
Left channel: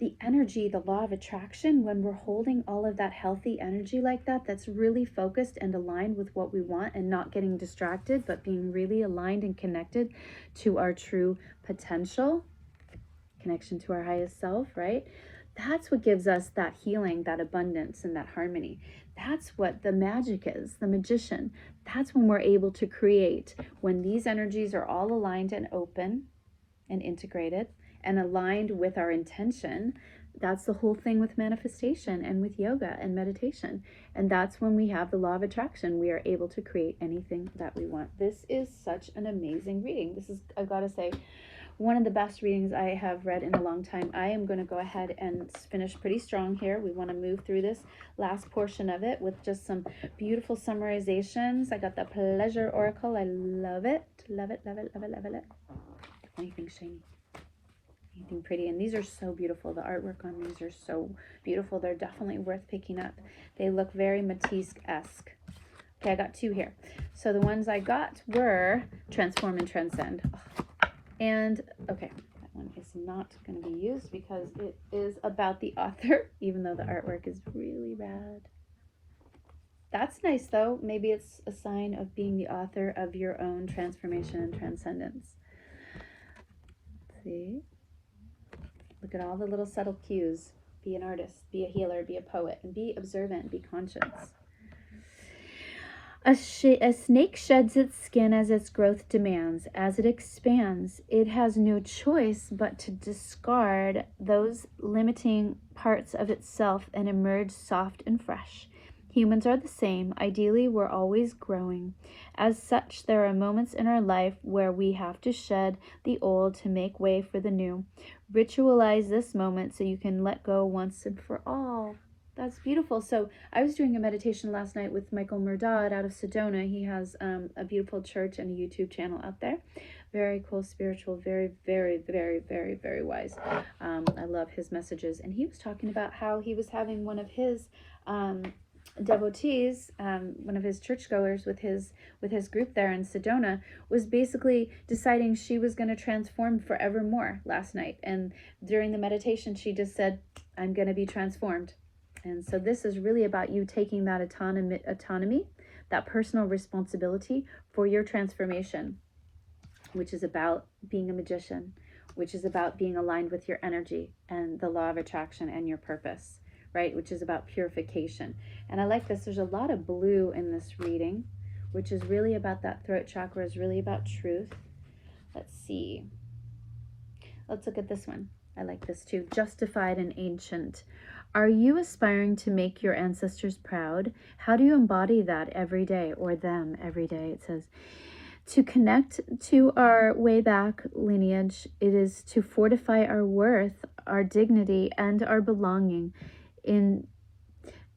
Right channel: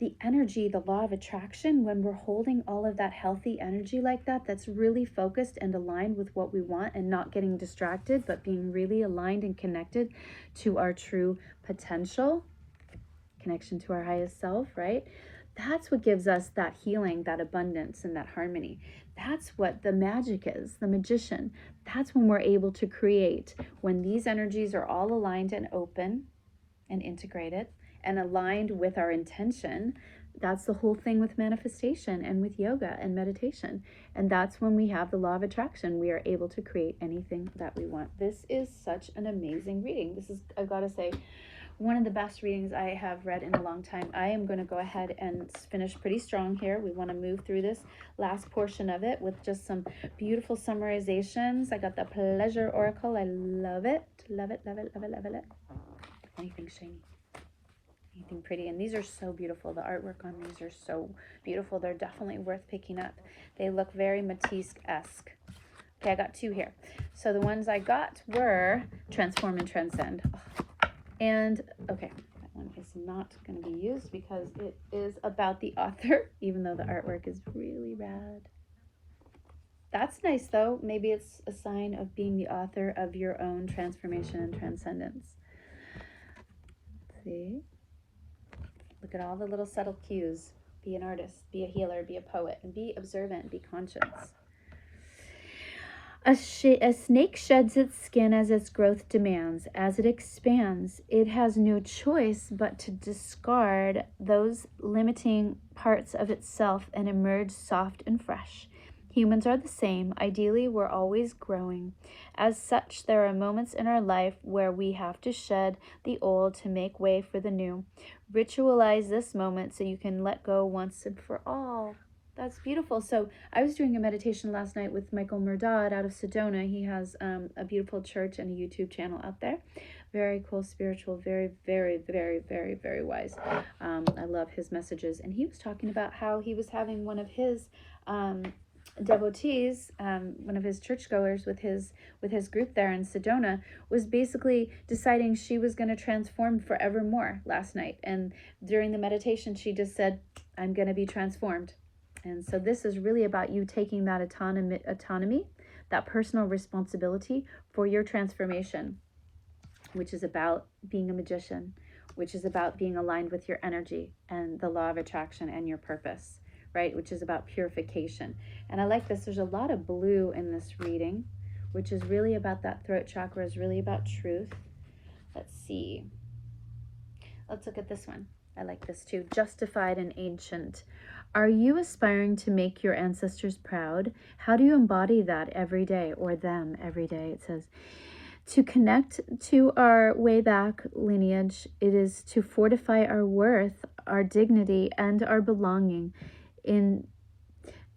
the energy, the law of attraction, when we're holding all of that healthy energy like that, that's really focused and aligned with what we want and not getting distracted, but being really aligned and connected to our true potential, connection to our highest self, right? That's what gives us that healing, that abundance, and that harmony. That's what the magic is, the magician. That's when we're able to create, when these energies are all aligned and open and integrated and aligned with our intention. That's the whole thing with manifestation and with yoga and meditation. And that's when we have the law of attraction. We are able to create anything that we want. This is such an amazing reading. This is, I've got to say, one of the best readings I have read in a long time. I am going to go ahead and finish pretty strong here. We want to move through this last portion of it with just some beautiful summarizations. I got the Pleasure Oracle. I love it. Love it, love it, love it, love it. Anything shiny, anything pretty. And these are so beautiful. The artwork on these are so beautiful. They're definitely worth picking up. They look very Matisse-esque. Okay, I got two here. So the ones I got were Transform and Transcend. And, okay, that one is not going to be used because it is about the author, even though the artwork is really rad. That's nice, though. Maybe it's a sign of being the author of your own transformation and transcendence. Let's see? Look at all the little subtle cues. Be an artist, be a healer, be a poet, and be observant, be conscious. A snake sheds its skin as its growth demands. As it expands, it has no choice but to discard those limiting parts of itself and emerge soft and fresh. Humans are the same. Ideally, we're always growing. As such, there are moments in our life where we have to shed the old to make way for the new. Ritualize this moment so you can let go once and for all. That's beautiful. So I was doing a meditation last night with Michael Murdad out of Sedona. He has a beautiful church and a YouTube channel out there. Very cool, spiritual, very, very, very, very, very wise. I love his messages. And he was talking about how he was having one of his devotees, one of his churchgoers with his group there in Sedona, was basically deciding she was going to transform forevermore last night. And during the meditation, she just said, I'm going to be transformed. And so this is really about you taking that autonomy, that personal responsibility for your transformation, which is about being a magician, which is about being aligned with your energy and the law of attraction and your purpose, right? Which is about purification. And I like this. There's a lot of blue in this reading, which is really about that throat chakra, is really about truth. Let's see. Let's look at this one. I like this too. Justified and ancient. Are you aspiring to make your ancestors proud? How do you embody that every day, or them every day? It says, to connect to our way back lineage, it is to fortify our worth, our dignity, and our belonging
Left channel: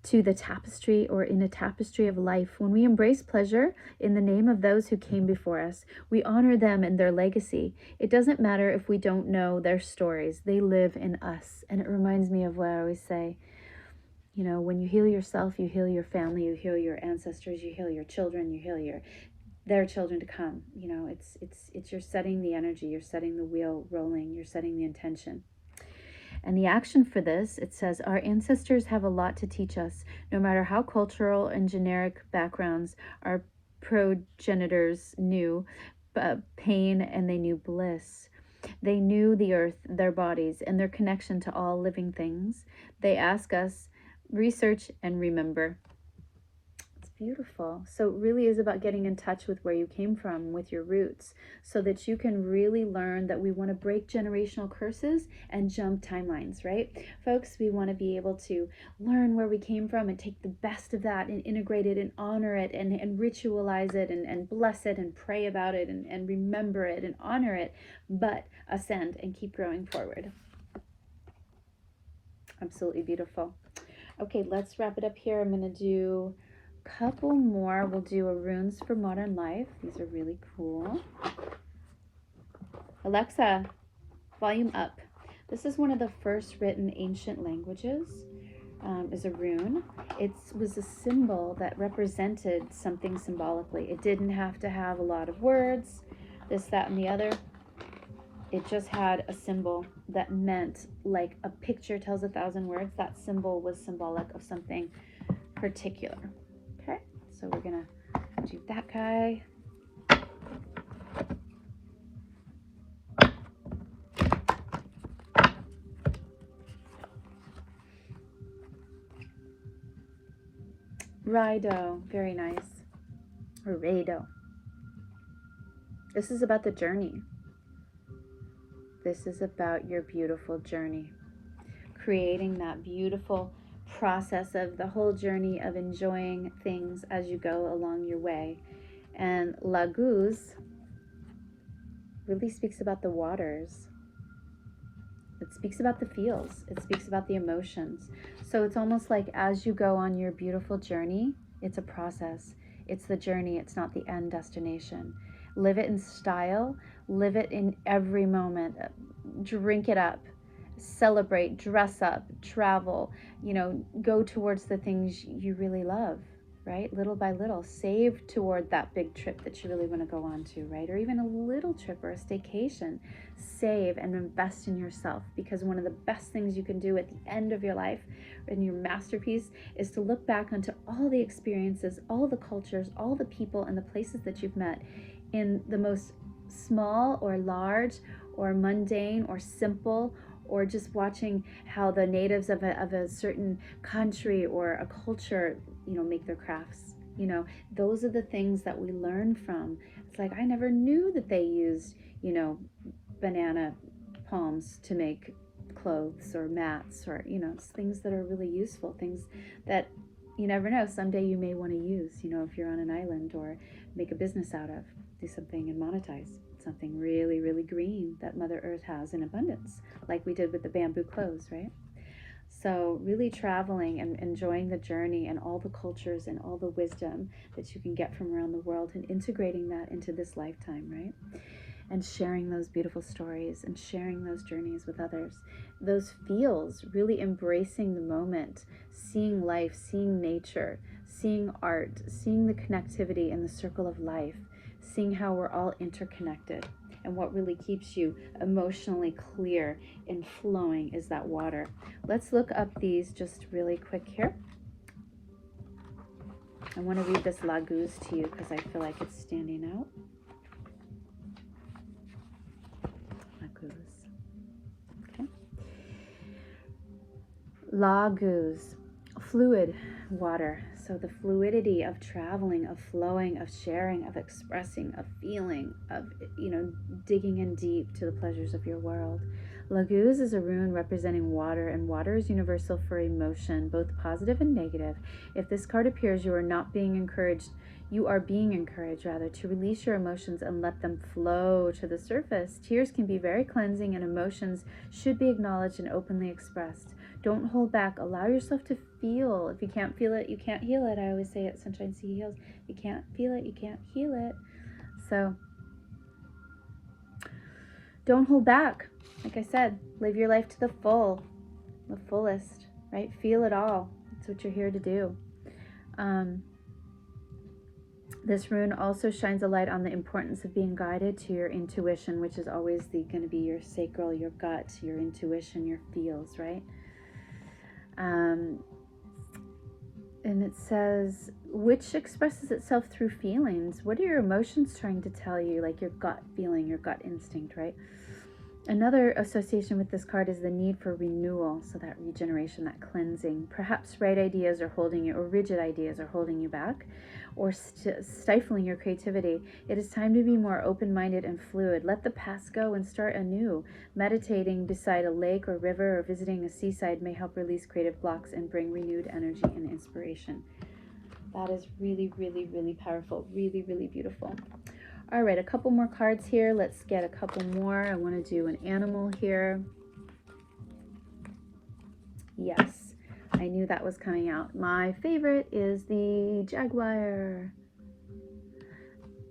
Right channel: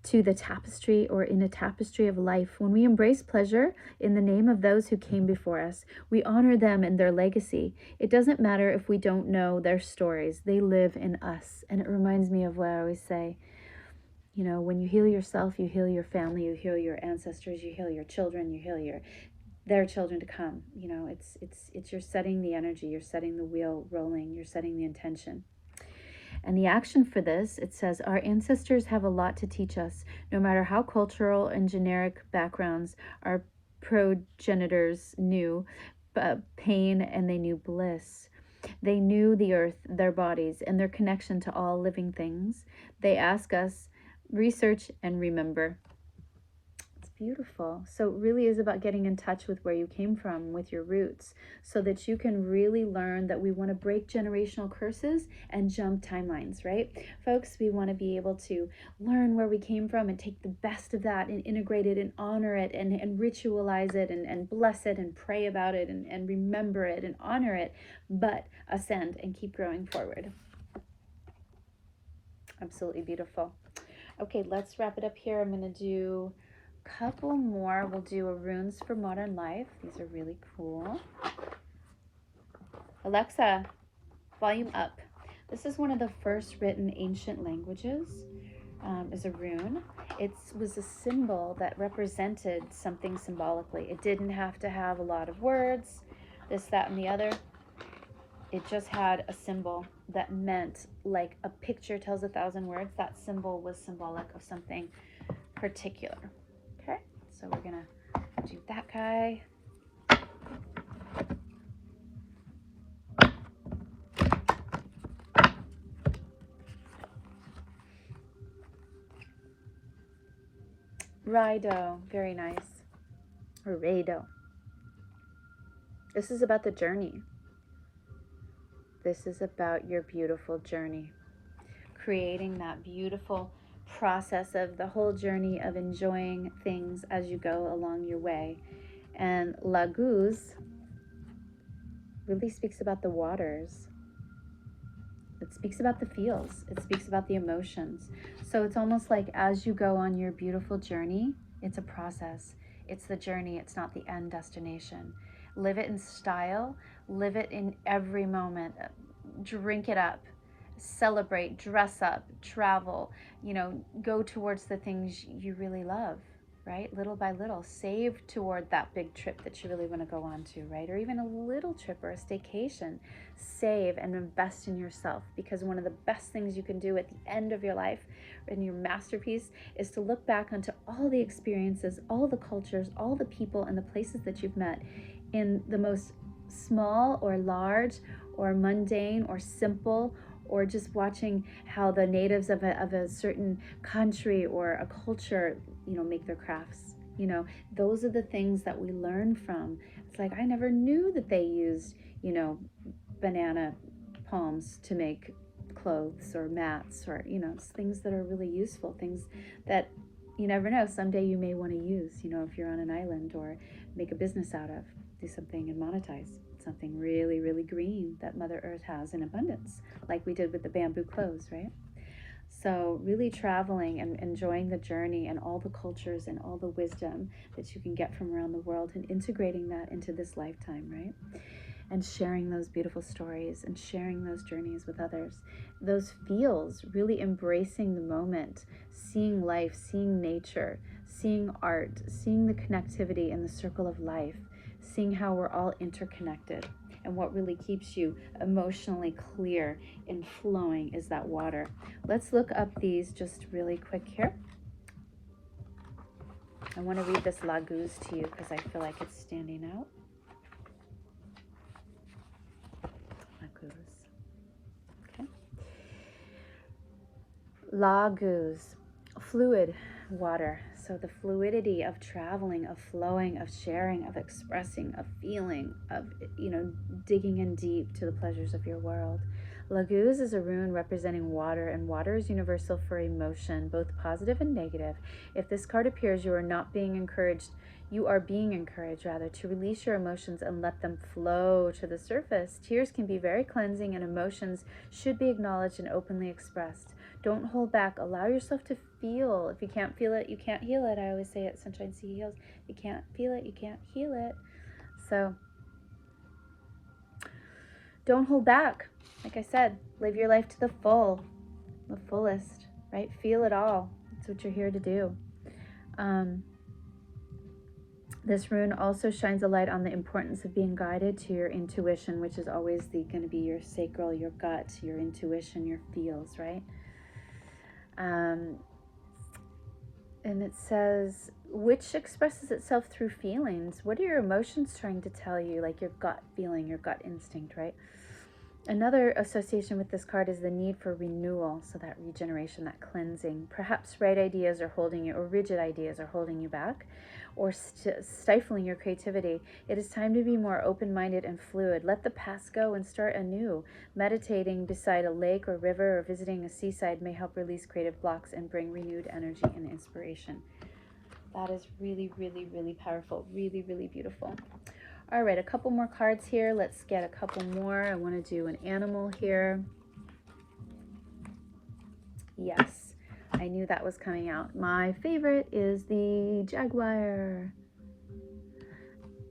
to the tapestry, or in a tapestry of life. When we embrace pleasure in the name of those who came before us, we honor them and their legacy. It doesn't matter if we don't know their stories. They live in us. And it reminds me of what I always say, you know, when you heal yourself, you heal your family, you heal your ancestors, you heal your children, you heal their children to come. You know, it's you're setting the energy, you're setting the wheel rolling, you're setting the intention. And the action for this, it says, our ancestors have a lot to teach us, no matter how cultural and generic backgrounds our progenitors knew pain and they knew bliss. They knew the earth, their bodies, and their connection to all living things. They ask us, research and remember. It's beautiful. So it really is about getting in touch with where you came from, with your roots, so that you can really learn that we want to break generational curses and jump timelines, right? Folks, we want to be able to learn where we came from and take the best of that and integrate it and honor it and ritualize it and bless it and pray about it and remember it and honor it, but ascend and keep growing forward. Absolutely beautiful. Okay, let's wrap it up here. I'm going to do couple more. We'll do a runes for modern life. These are really cool. Alexa, volume up. This is one of the first written ancient languages. Is a rune. It was a symbol that represented something symbolically. It didn't have to have a lot of words, this, that, and the other. it just had a symbol that meant, like a picture tells 1,000 words. That symbol was symbolic of something particular. Okay, so we're gonna do that guy. Rido, very nice. Or Rado. This is about the journey. This is about your beautiful journey. Creating that beautiful process of the whole journey of enjoying things as you go along your way. And Laguz really speaks about the waters. It speaks about the feels. It speaks about the emotions. So it's almost like as you go on your beautiful journey, it's a process. It's the journey. It's not the end destination. Live it in style. Live it in every moment. Drink it up. Celebrate. Dress up. Travel. You know, go towards the things you really love, right? Little by little. Save toward that big trip that you really want to go on to, right? Or even a little trip or a staycation. Save and invest in yourself, because one of the best things you can do at the end of your life and your masterpiece is to look back onto all the experiences, all the cultures, all the people and the places that you've met in the most small or large or mundane or simple, or just watching how the natives of a certain country or a culture, you know, make their crafts. You know, those are the things that we learn from. It's like, I never knew that they used, you know, banana palms to make clothes or mats, or, you know, things that are really useful, things that you never know, someday you may want to use, you know, if you're on an island, or make a business out of, do something and monetize something really, really green that Mother Earth has in abundance, like we did with the bamboo clothes, right? So really traveling and enjoying the journey and all the cultures and all the wisdom that you can get from around the world, and integrating that into this lifetime, right? And sharing those beautiful stories and sharing those journeys with others. Those feels, really embracing the moment, seeing life, seeing nature, seeing art, seeing the connectivity in the circle of life, seeing how we're all interconnected. And what really keeps you emotionally clear and flowing is that water. Let's look up these just really quick here. I want to read this Laguz to you because I feel like it's standing out. Laguz. Okay. Laguz, fluid water. So the fluidity of traveling, of flowing, of sharing, of expressing, of feeling, of, you know, digging in deep to the pleasures of your world. Laguz is a rune representing water, and water is universal for emotion, both positive and negative. If this card appears, you are not being encouraged. You are being encouraged, rather, to release your emotions and let them flow to the surface. Tears can be very cleansing, and emotions should be acknowledged and openly expressed. Don't hold back. Allow yourself to feel. If you can't feel it, you can't heal it. I always say it, Sunshine Sea Heals. If you can't feel it, you can't heal it. So don't hold back. Like I said, live your life to the fullest, right? Feel it all. That's what you're here to do. This rune also shines a light on the importance of being guided to your intuition, which is always going to be your sacral, your gut, your intuition, your feels, right? And it says, which expresses itself through feelings. What are your emotions trying to tell you? Like your gut feeling, your gut instinct, right? Another association with this card is the need for renewal. So that regeneration, that cleansing. Perhaps right ideas are holding you, or rigid ideas are holding you back, or stifling your creativity. It is time to be more open-minded and fluid. Let the past go and start anew. Meditating beside a lake or river, or visiting a seaside may help release creative blocks and bring renewed energy and inspiration. That is really, really, really powerful. Really, really beautiful. All right, a couple more cards here. Let's get a couple more. I want to do an animal here. Yes, I knew that was coming out. My favorite is the jaguar.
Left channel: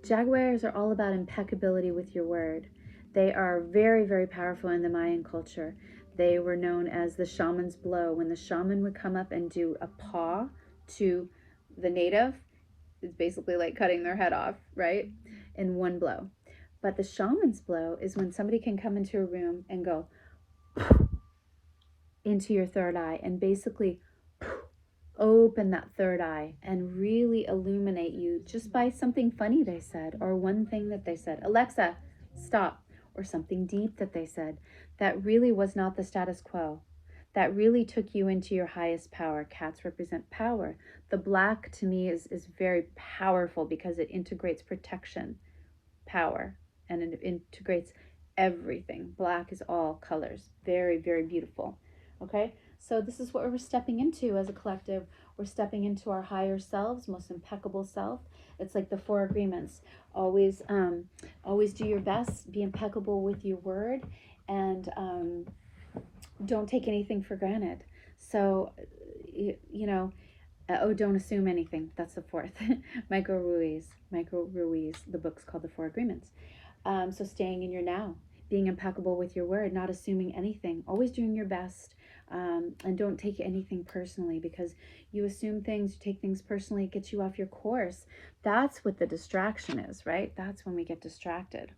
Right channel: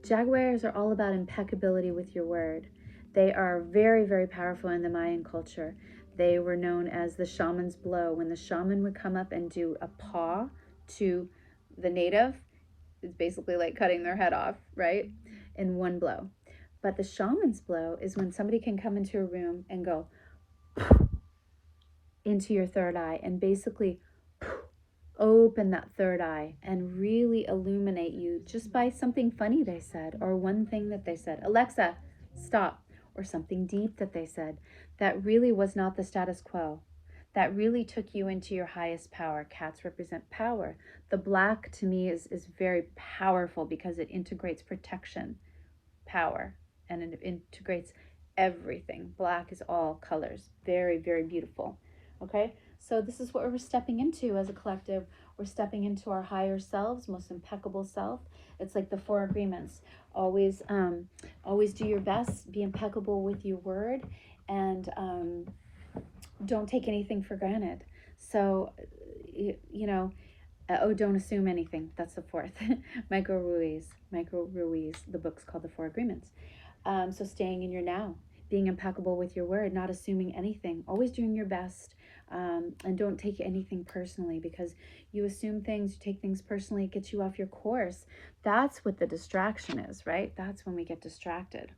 Jaguars are all about impeccability with your word. They are very, very powerful in the Mayan culture. They were known as the shaman's blow. When the shaman would come up and do a paw to the native, it's basically like cutting their head off, right? In one blow. But the shaman's blow is when somebody can come into a room and go into your third eye and basically open that third eye and really illuminate you just by something funny they said, or one thing that they said. Alexa, stop. Or something deep that they said that really was not the status quo, that really took you into your highest power. Cats represent power. The black to me is very powerful because it integrates protection, power, and it integrates everything. Black is all colors. Very, very beautiful. Okay, so this is what we're stepping into as a collective. We're stepping into our higher selves, most impeccable self. It's like the 4 agreements. Always do your best, be impeccable with your word, and don't take anything for granted. So, don't assume anything. That's the 4th. Micro Ruiz, the book's called The 4 Agreements. So staying in your now, being impeccable with your word, not assuming anything, always doing your best, and don't take anything personally, because you assume things, you take things personally, it gets you off your course. That's what the distraction is, right? That's when we get distracted,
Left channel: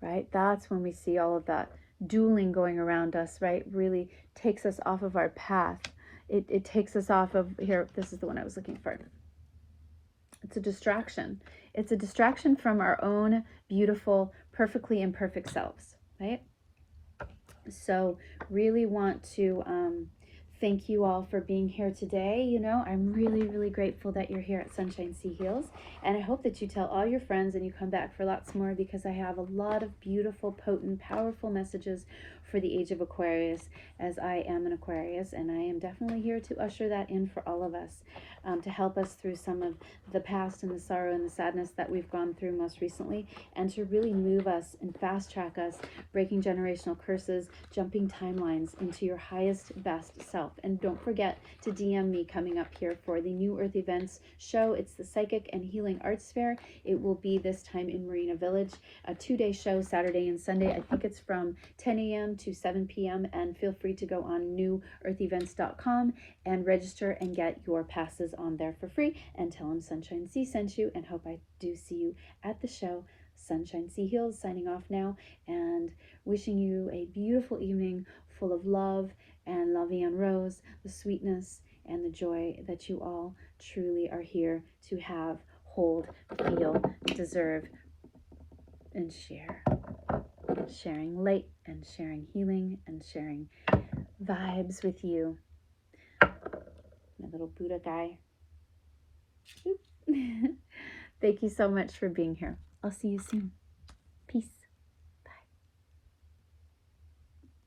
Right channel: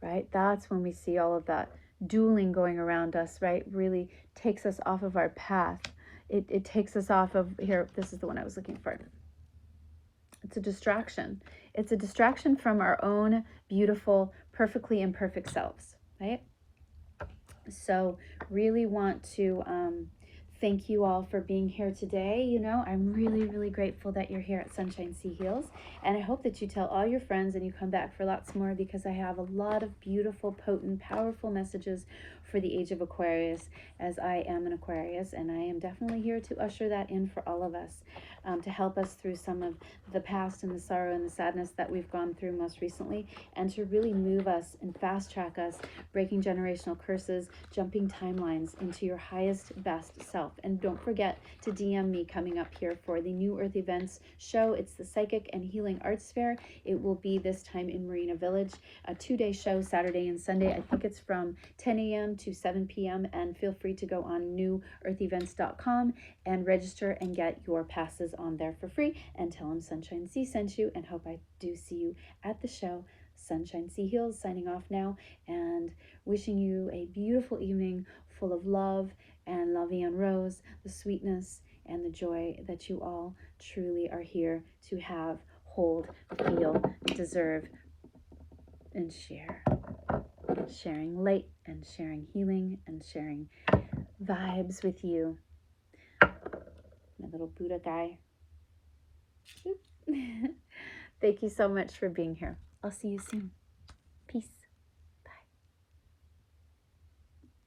right? That's when we see all of that dueling going around us, right? Really takes us off of our path. It takes us off of, here, this is the one I was looking for. It's a distraction. It's a distraction from our own beautiful, perfectly imperfect selves, right? So really want to thank you all for being here today. I'm really, really grateful that you're here at Sunshine Sea Heals. And I hope that you tell all your friends and you come back for lots more, because I have a lot of beautiful, potent, powerful messages for the age of Aquarius, as I am an Aquarius, and I am definitely here to usher that in for all of us, to help us through some of the past and the sorrow and the sadness that we've gone through most recently, and to really move us and fast track us, breaking generational curses, jumping timelines into your highest, best self. And don't forget to DM me coming up here for the New Earth Events show. It's the Psychic and Healing Arts Fair. It will be this time in Marina Village, a 2-day show, Saturday and Sunday. I think it's from 10 a.m. to 7 p.m. And feel free to go on newearthevents.com and register and get your passes on there for free, and tell them Sunshine Sea sent you, and hope I do see you at the show. Sunshine Sea Heals signing off now, and wishing you a beautiful evening full of love and la vie en rose, the sweetness and the joy that you all truly are here to have, hold, feel, deserve, and share. Sharing light and sharing healing and sharing vibes with you. My little Buddha guy. Thank you so much for being here. I'll see you soon.